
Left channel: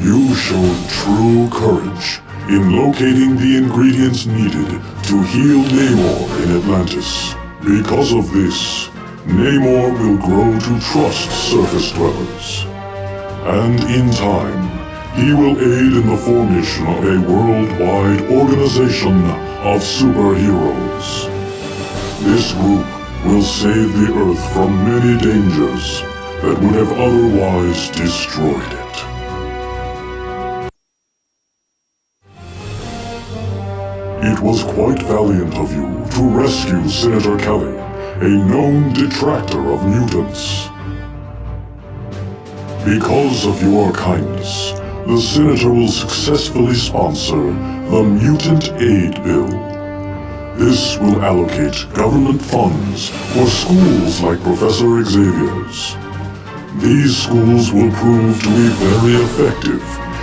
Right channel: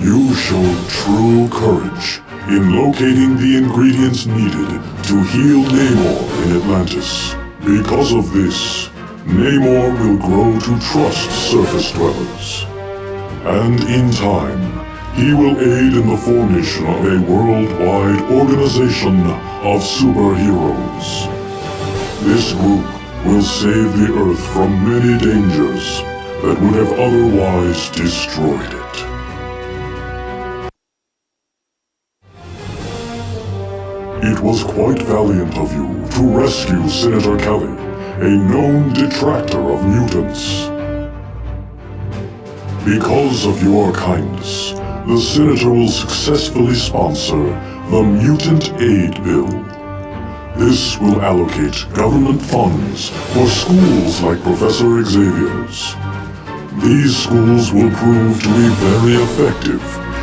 You showed true courage in locating the ingredients needed to heal Namor in Atlantis. Because of this, Namor will grow to trust surface dwellers. And in time, he will aid in the formation of a worldwide organization of superheroes. This group will save the Earth from many dangers that would have otherwise destroyed it. It was quite valiant of you to rescue Senator Kelly, a known detractor of mutants. Because of your kindness, the Senator will successfully sponsor the Mutant Aid Bill. This will allocate government funds for schools like Professor Xavier's. These schools will prove to be very effective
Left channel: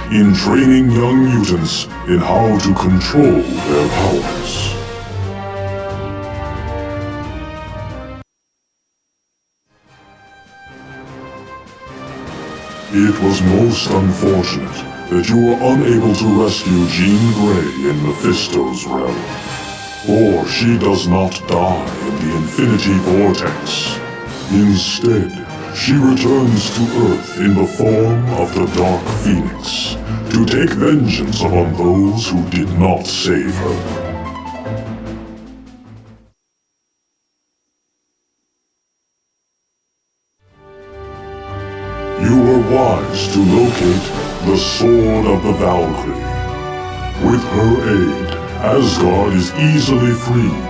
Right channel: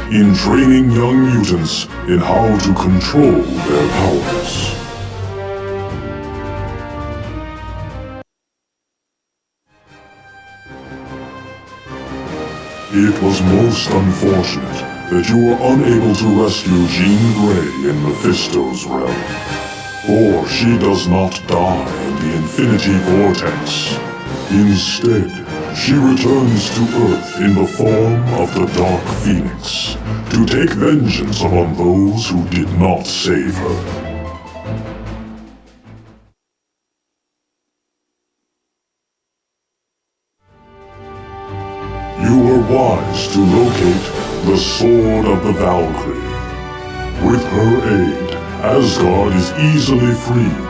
in training young mutants in how to control their powers. It was most unfortunate that you were unable to rescue Jean Grey in Mephisto's realm. For she does not die in the Infinity Vortex. Instead, she returns to Earth in the form of the Dark Phoenix, to take vengeance upon those who did not save her. You were wise to locate the Sword of the Valkyrie. With her aid, Asgard is easily freed,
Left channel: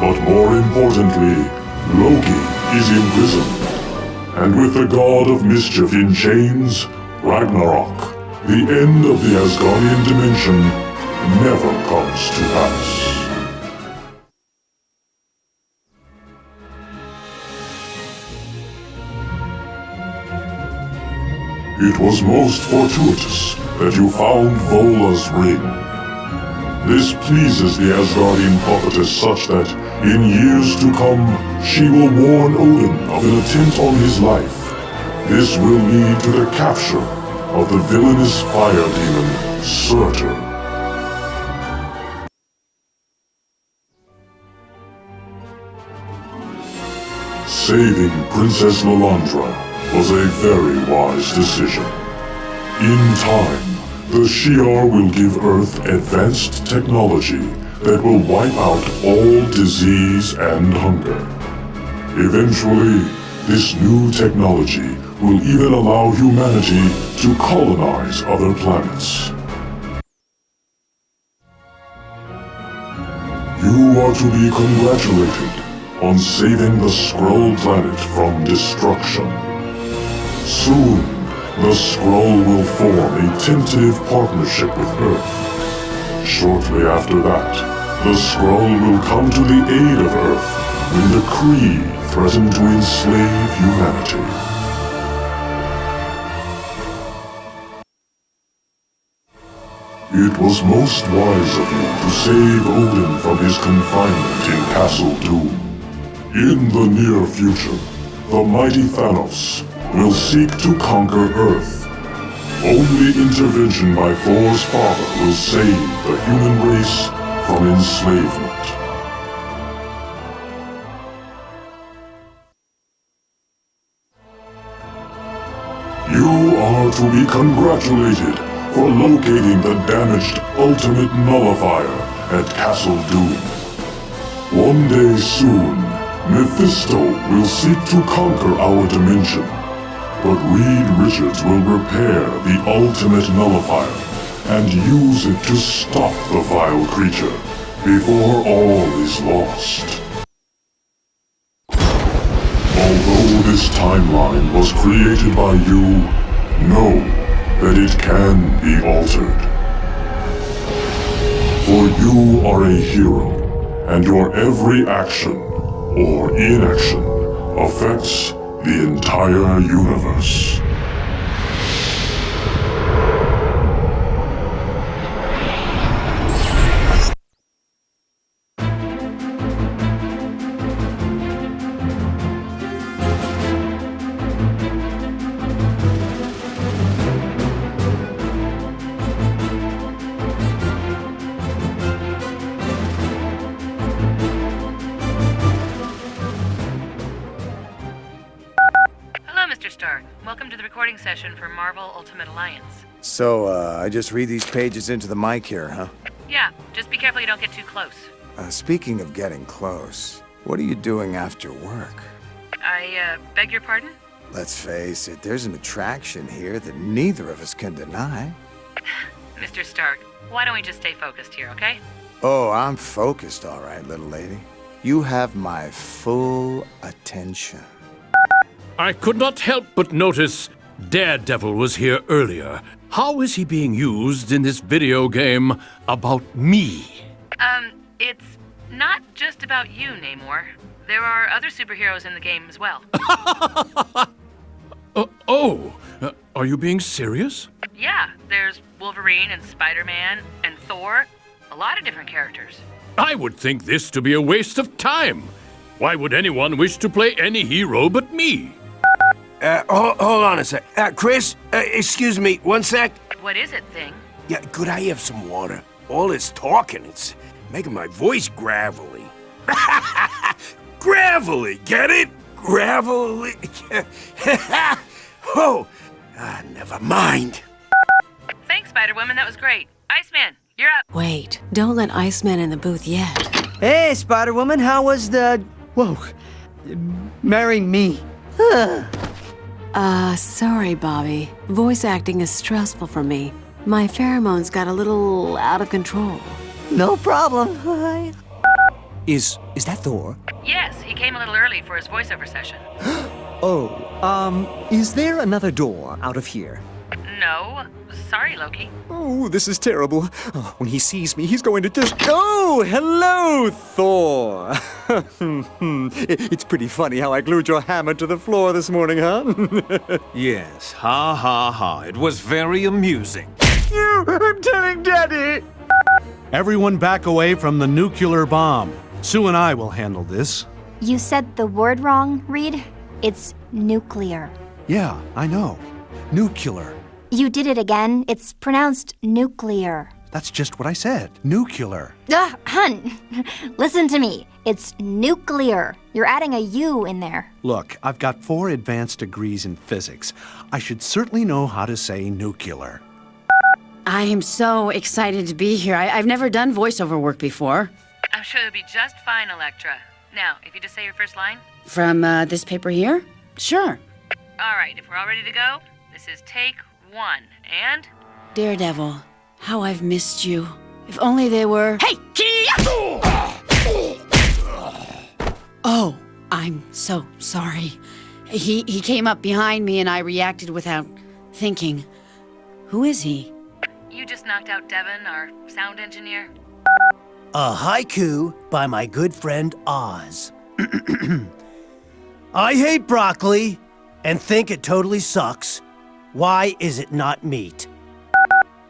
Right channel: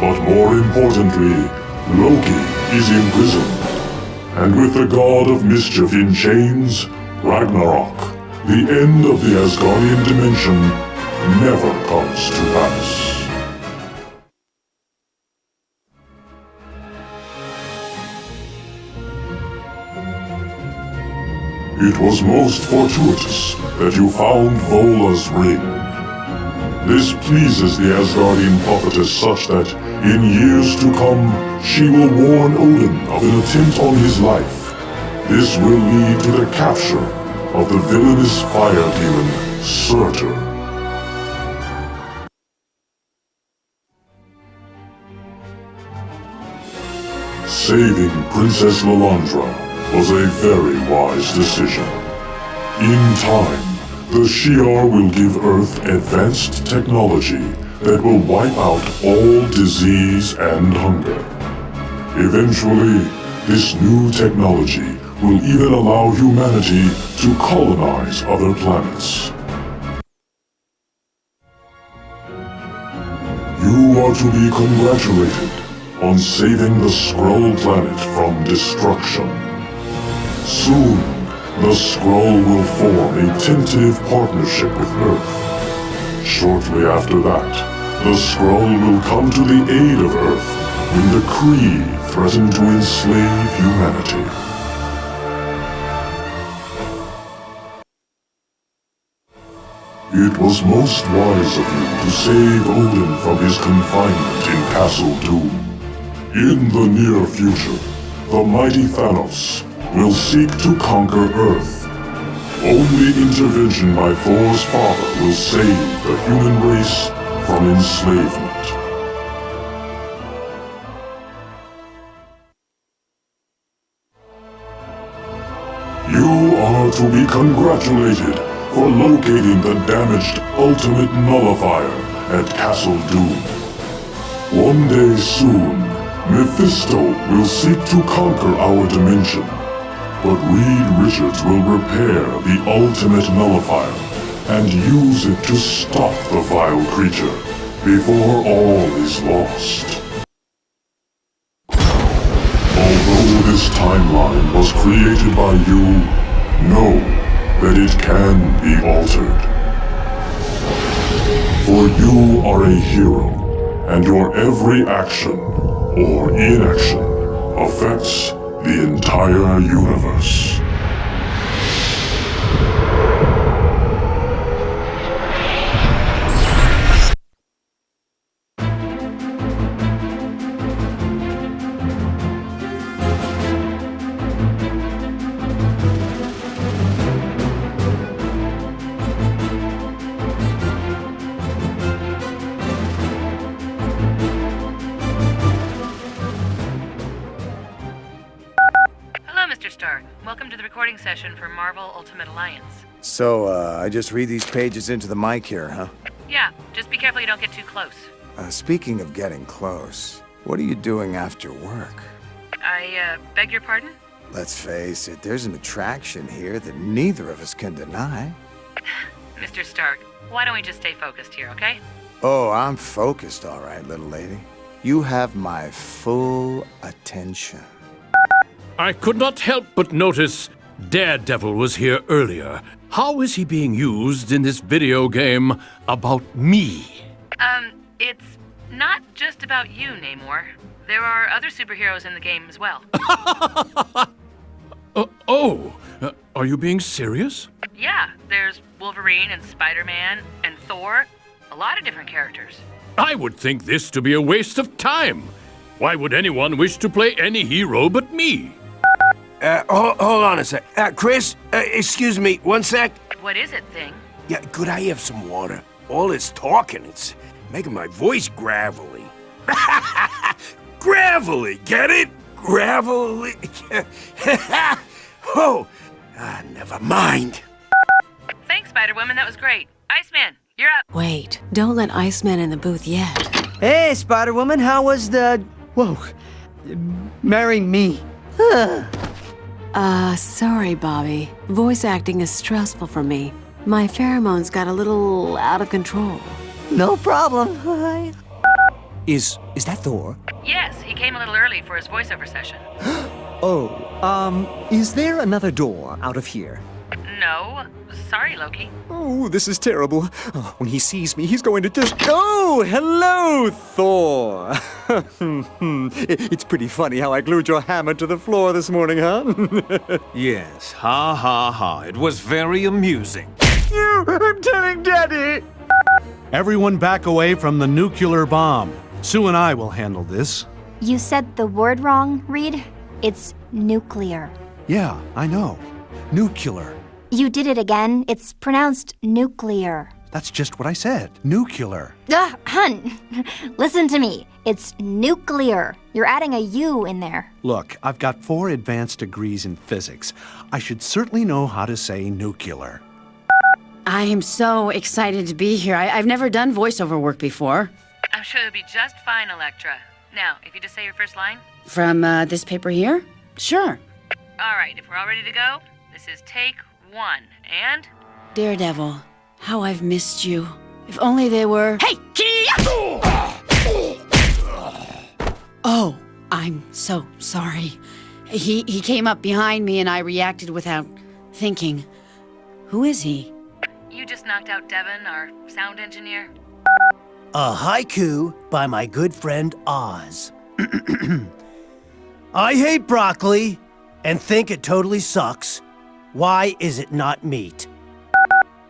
but more importantly, Loki is imprisoned. And with the god of mischief in chains, Ragnarok, the end of the Asgardian dimension never comes to pass. It was most fortuitous that you found Vola's ring. This pleases the Asgardian prophetess such that, in years to come, she will warn Odin of an attempt on his life. This will lead to the capture of the villainous fire demon, Surtur. Saving Princess Lilandra was a very wise decision. In time, the Shi'ar will give Earth advanced technology that will wipe out all disease and hunger. Eventually, this new technology will even allow humanity to colonize other planets. You are to be congratulated on saving the Skrull planet from destruction. Soon, the Skrull will form a tentative partnership with Earth. Shortly after that, the Skrull will come to the aid of Earth when the Kree threatened to enslave humanity. It was most wise of you to save Odin from his confinement in Castle Doom. In the near future, the mighty Thanos will seek to conquer Earth. Only intervention by Thor's father will save the human race from enslavement. You are to be congratulated for locating the damaged Ultimate Nullifier at Castle Doom. One day soon, Mephisto will seek to conquer our dimension, but Reed Richards will repair the Ultimate Nullifier and use it to stop the vile creature before all is lost. Although this timeline was created by you, know that it can be altered. For you are a hero, and your every action or inaction affects the entire universe. Welcome to the recording session for Marvel Ultimate Alliance. So, I just read these pages into the mic here, huh? Yeah, just be careful you don't get too close. Speaking of getting close, what are you doing after work? I, beg your pardon? Let's face it, there's an attraction here that neither of us can deny. Mr. Stark, why don't we just stay focused here, okay? Oh, I'm focused, all right, little lady. You have my full attention. I could not help but notice Daredevil was here earlier. How is he being used in this video game about me? It's not just about you, Namor. There are other superheroes in the game as well. Are you being serious? Yeah, there's Wolverine and Spider-Man and Thor. A lot of different characters. I would think this to be a waste of time. Why would anyone wish to play any hero but me? Hold on a sec. Chris, excuse me, one sec. What is it, Thing? Yeah, could I have some water? All this talking, it's making my voice gravelly. Gravelly, get it? Gravelly. Never mind. Thanks, Spider-Woman, that was great. Iceman, you're up. Wait, don't let Iceman in the booth yet. Hey, Spider-Woman, how was the... Whoa. Marry me. Sorry, Bobby. Voice acting is stressful for me. My pheromones got a little out of control. No problem. Is that Thor? Yes, he came a little early for his voiceover session. Is there another door out of here? No. Sorry, Loki. Oh, this is terrible. When he sees me, he's going to just... Oh, hello, Thor. It's pretty funny how I glued your hammer to the floor this morning, huh? Yes, ha ha ha. It was very amusing. I'm telling Daddy. Everyone back away from the nuclear bomb. Sue and I will handle this. You said the word wrong, Reed. It's nuclear. Yeah, I know. Nuclear. You did it again. It's pronounced nuclear. That's just what I said. Nuclear. Hun, listen to me. It's nuclear. You're adding a U in there. Look, I've got 4 advanced degrees in physics. I should certainly know how to say nuclear. I am so excited to be here. I've never done voiceover work before. I'm sure you'll be just fine, Elektra. Now, if you just say your first line. From this paper here? Sure. All right, if we're all ready to go, this is take 1, and... Daredevil, how I've missed you. If only they were... Hey! Oh, I'm so sorry. He came up behind me and I reacted without thinking. Who is he? You just knocked out Devin, our sound engineer. A haiku by my good friend Oz. I hate broccoli and think it totally sucks. Why is it not meat?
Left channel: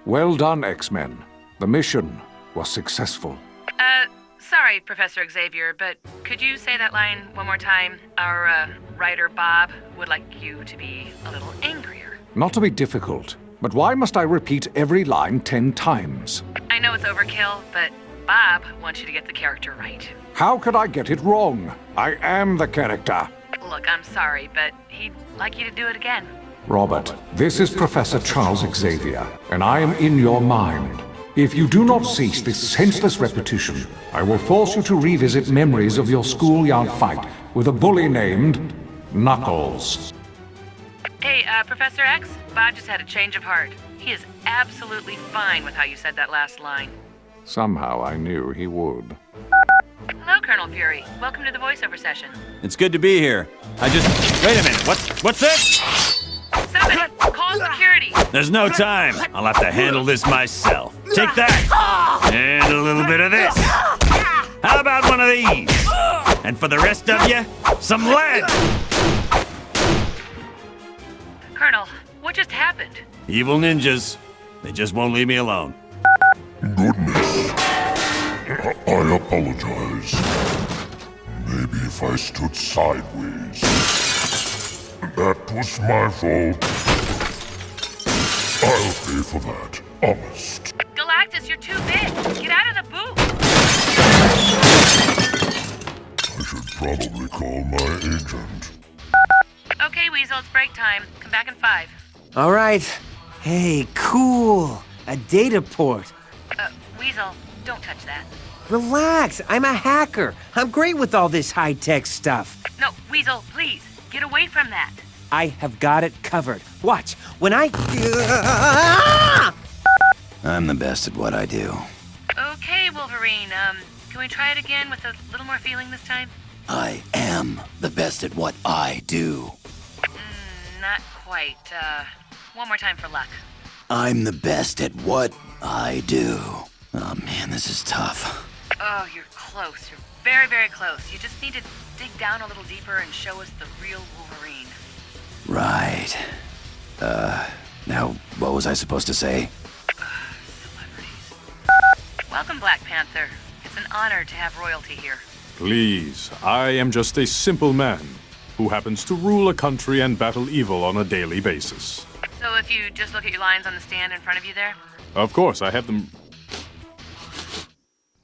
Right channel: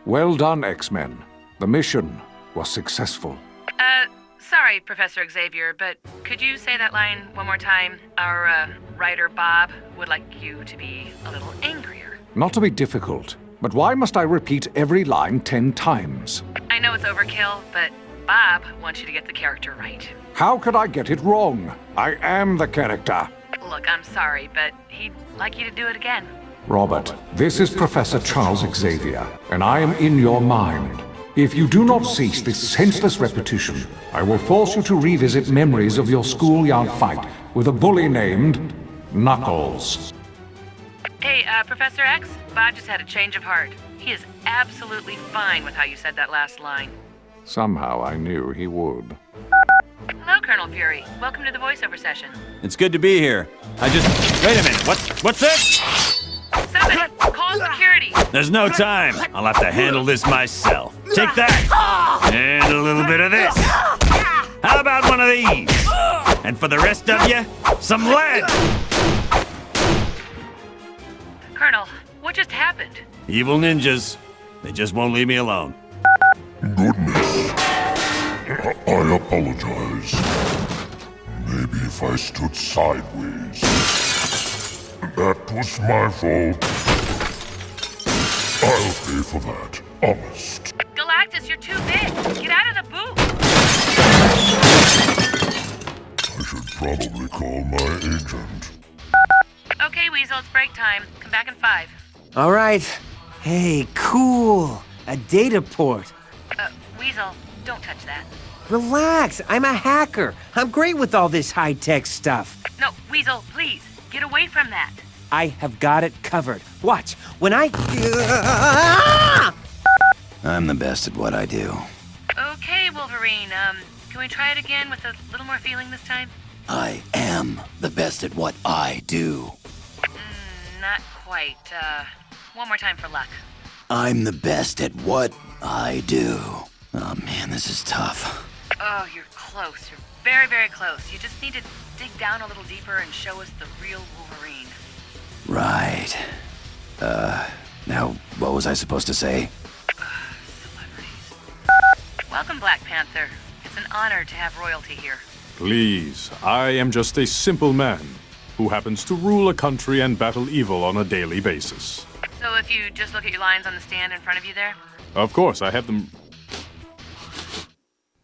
Well done, X-Men. The mission was successful. Sorry, Professor Xavier, but could you say that line one more time? Our, writer Bob would like you to be a little angrier. Not to be difficult, but why must I repeat every line 10 times? I know it's overkill, but Bob wants you to get the character right. How could I get it wrong? I am the character. Look, I'm sorry, but he'd like you to do it again. Robert, this is Professor Charles Xavier, and I am in your mind. If you do not cease this senseless repetition, I will force you to revisit memories of your schoolyard fight with a bully named Knuckles. Hey, Professor X, Bob just had a change of heart. He is absolutely fine with how you said that last line. Somehow I knew he would. Hello, Colonel Fury. Welcome to the voiceover session. It's good to be here. Wait a minute, what's this? Somebody, call security. There's no time. I'll have to handle this myself. Take that! And a little bit of this. How about one of these? And for the rest of you, some lead! Colonel, what just happened? Evil ninjas. They just won't leave me alone. Goodness. I apologize. Maybe if I stood sideways. That was my fault. I'll pay for that, honest. Galactus, you're too big. Get out of the booth. I should probably call my agent. Okay, Weasel, it's break time. Come back in 5. All right. Hey, cool. A data port. Weasel, don't touch that. Relax. I'm a hacker. I'm great with all this high-tech stuff. No, Weasel, please, get away from that. I have got it covered. Watch. When I... I'm the best at what I do. Okay, Wolverine, can we try it again with a little more feeling this time? I am the best at what I do. Not quite. One more time for luck. I'm the best at what I do. Oh man, this is tough. Oh, you're close. You're very, very close. You just need to dig down a little deeper and show us the real Wolverine. Right. Now, what was I supposed to say? Welcome, Black Panther. It's an honor to have royalty here. Please, I am just a simple man who happens to rule a country and battle evil on a daily basis. So if you just look at your lines on the stand in front of you there? Of course, I have them.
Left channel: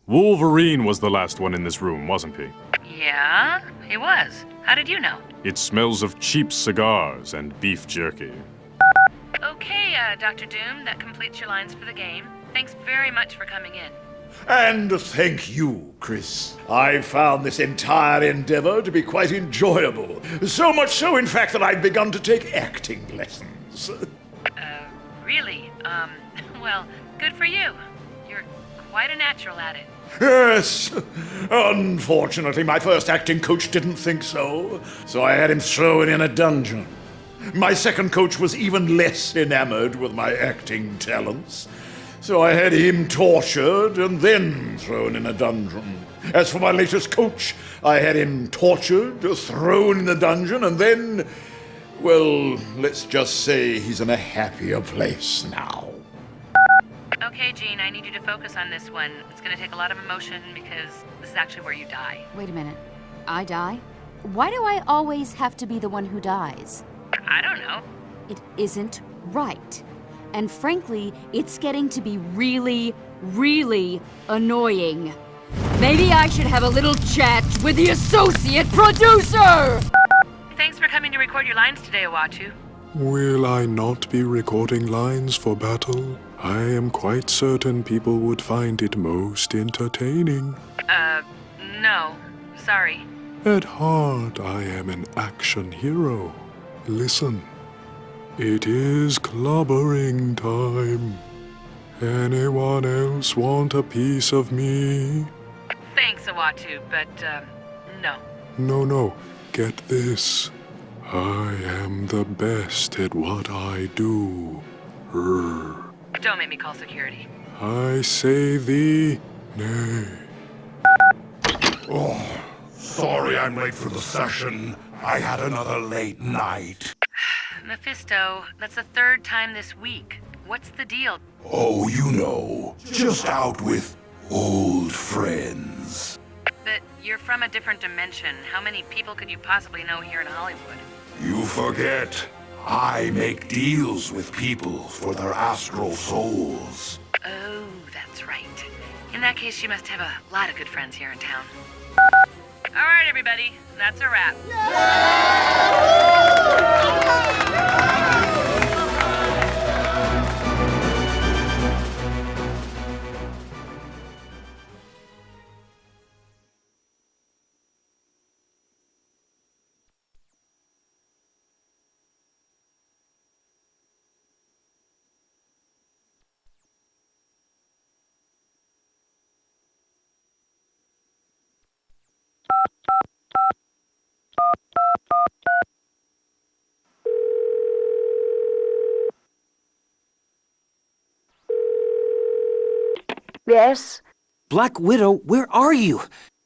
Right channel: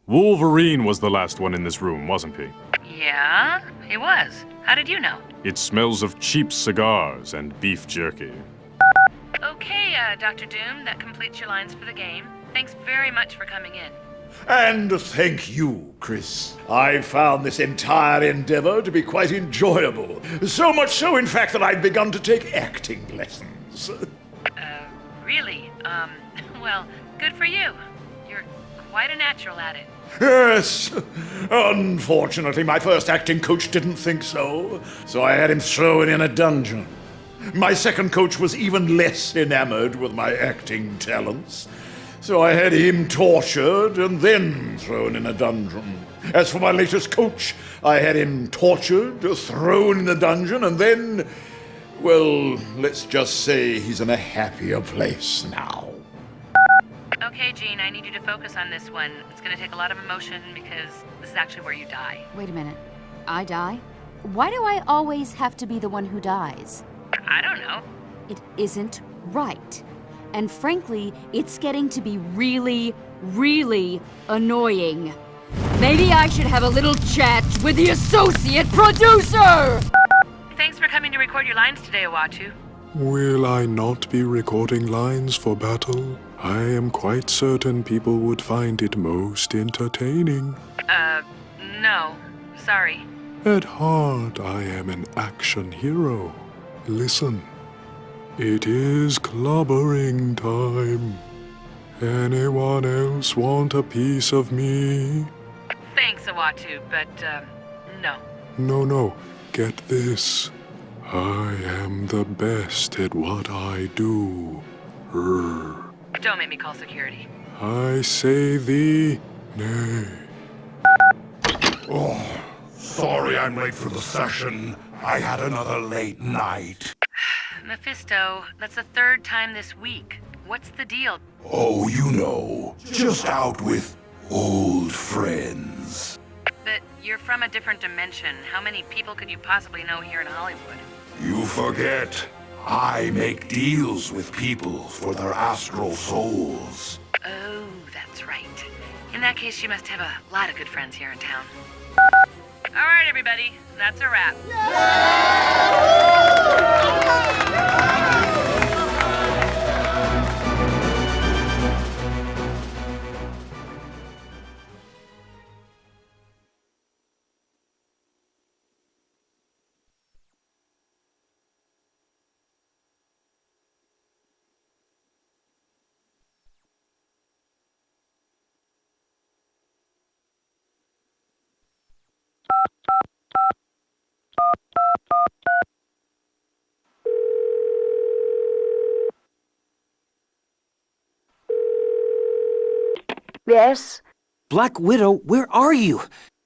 Wolverine was the last one in this room, wasn't he? Yeah, he was. How did you know? It smells of cheap cigars and beef jerky. Okay, Dr. Doom, that completes your lines for the game. Thanks very much for coming in. And thank you, Chris. I found this entire endeavor to be quite enjoyable. So much so, in fact, that I've begun to take acting lessons. Really? Well, good for you. You're quite a natural at it. Yes. Unfortunately, my first acting coach didn't think so, so I had him thrown in a dungeon. My second coach was even less enamored with my acting talents, so I had him tortured and then thrown in a dungeon. As for my latest coach, I had him tortured, thrown in the dungeon, and then, well, let's just say he's in a happier place now. Okay, Jean, I need you to focus on this one. It's gonna take a lot of emotion because this is actually where you die. Wait a minute. I die? Why do I always have to be the one who dies? I don't know. It isn't right. And frankly, it's getting to be really, really annoying. Maybe I should have a little chat with the associate producer! Thanks for coming to record your lines today, Uatu. Will I not be recording lines for battle? I am quite certain people would find it most entertaining. No. Sorry. At heart, I am an action hero. Listen. It is clobbering time. Anyone else want a piece of me? Thanks, Uatu, but, no. No. Get this. I am the best at what I do. Don't make me call security. I say thee nay. Oh, Sorry I'm late for the session. I had another late night. Mephisto, that's the third time this week. What's the deal? Oh, you know, just out with old friends. But you're from a different dimension. How many people could you possibly know here in Hollywood? You forget, I make deals with people for their astral souls. Oh, that's right. In that case, you must have a lot of good friends here in town. All right, everybody, that's a wrap. Yes? Black Widow, where are you?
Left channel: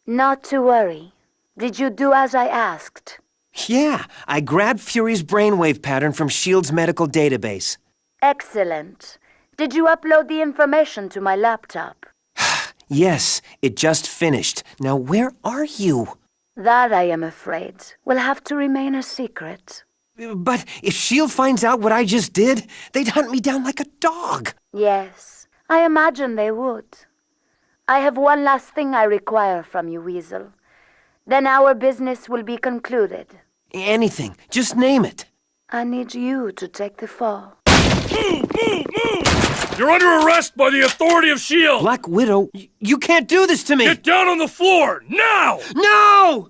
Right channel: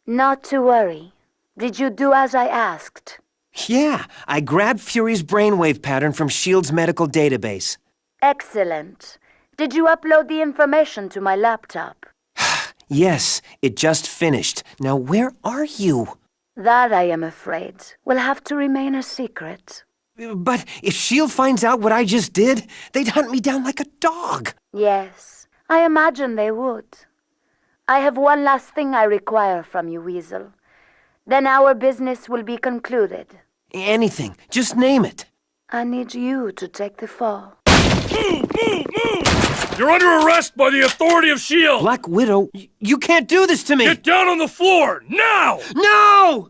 Not to worry. Did you do as I asked? Yeah, I grabbed Fury's brainwave pattern from S.H.I.E.L.D.'s medical database. Excellent. Did you upload the information to my laptop? Yes, it just finished. Now where are you? That, I am afraid, will have to remain a secret. But if S.H.I.E.L.D. finds out what I just did, they'd hunt me down like a dog. Yes, I imagine they would. I have one last thing I require from you, Weasel. Then our business will be concluded. Anything, just name it. I need you to take the fall. You're under arrest by the authority of S.H.I.E.L.D. Black Widow, you can't do this to me! Get down on the floor, now! No!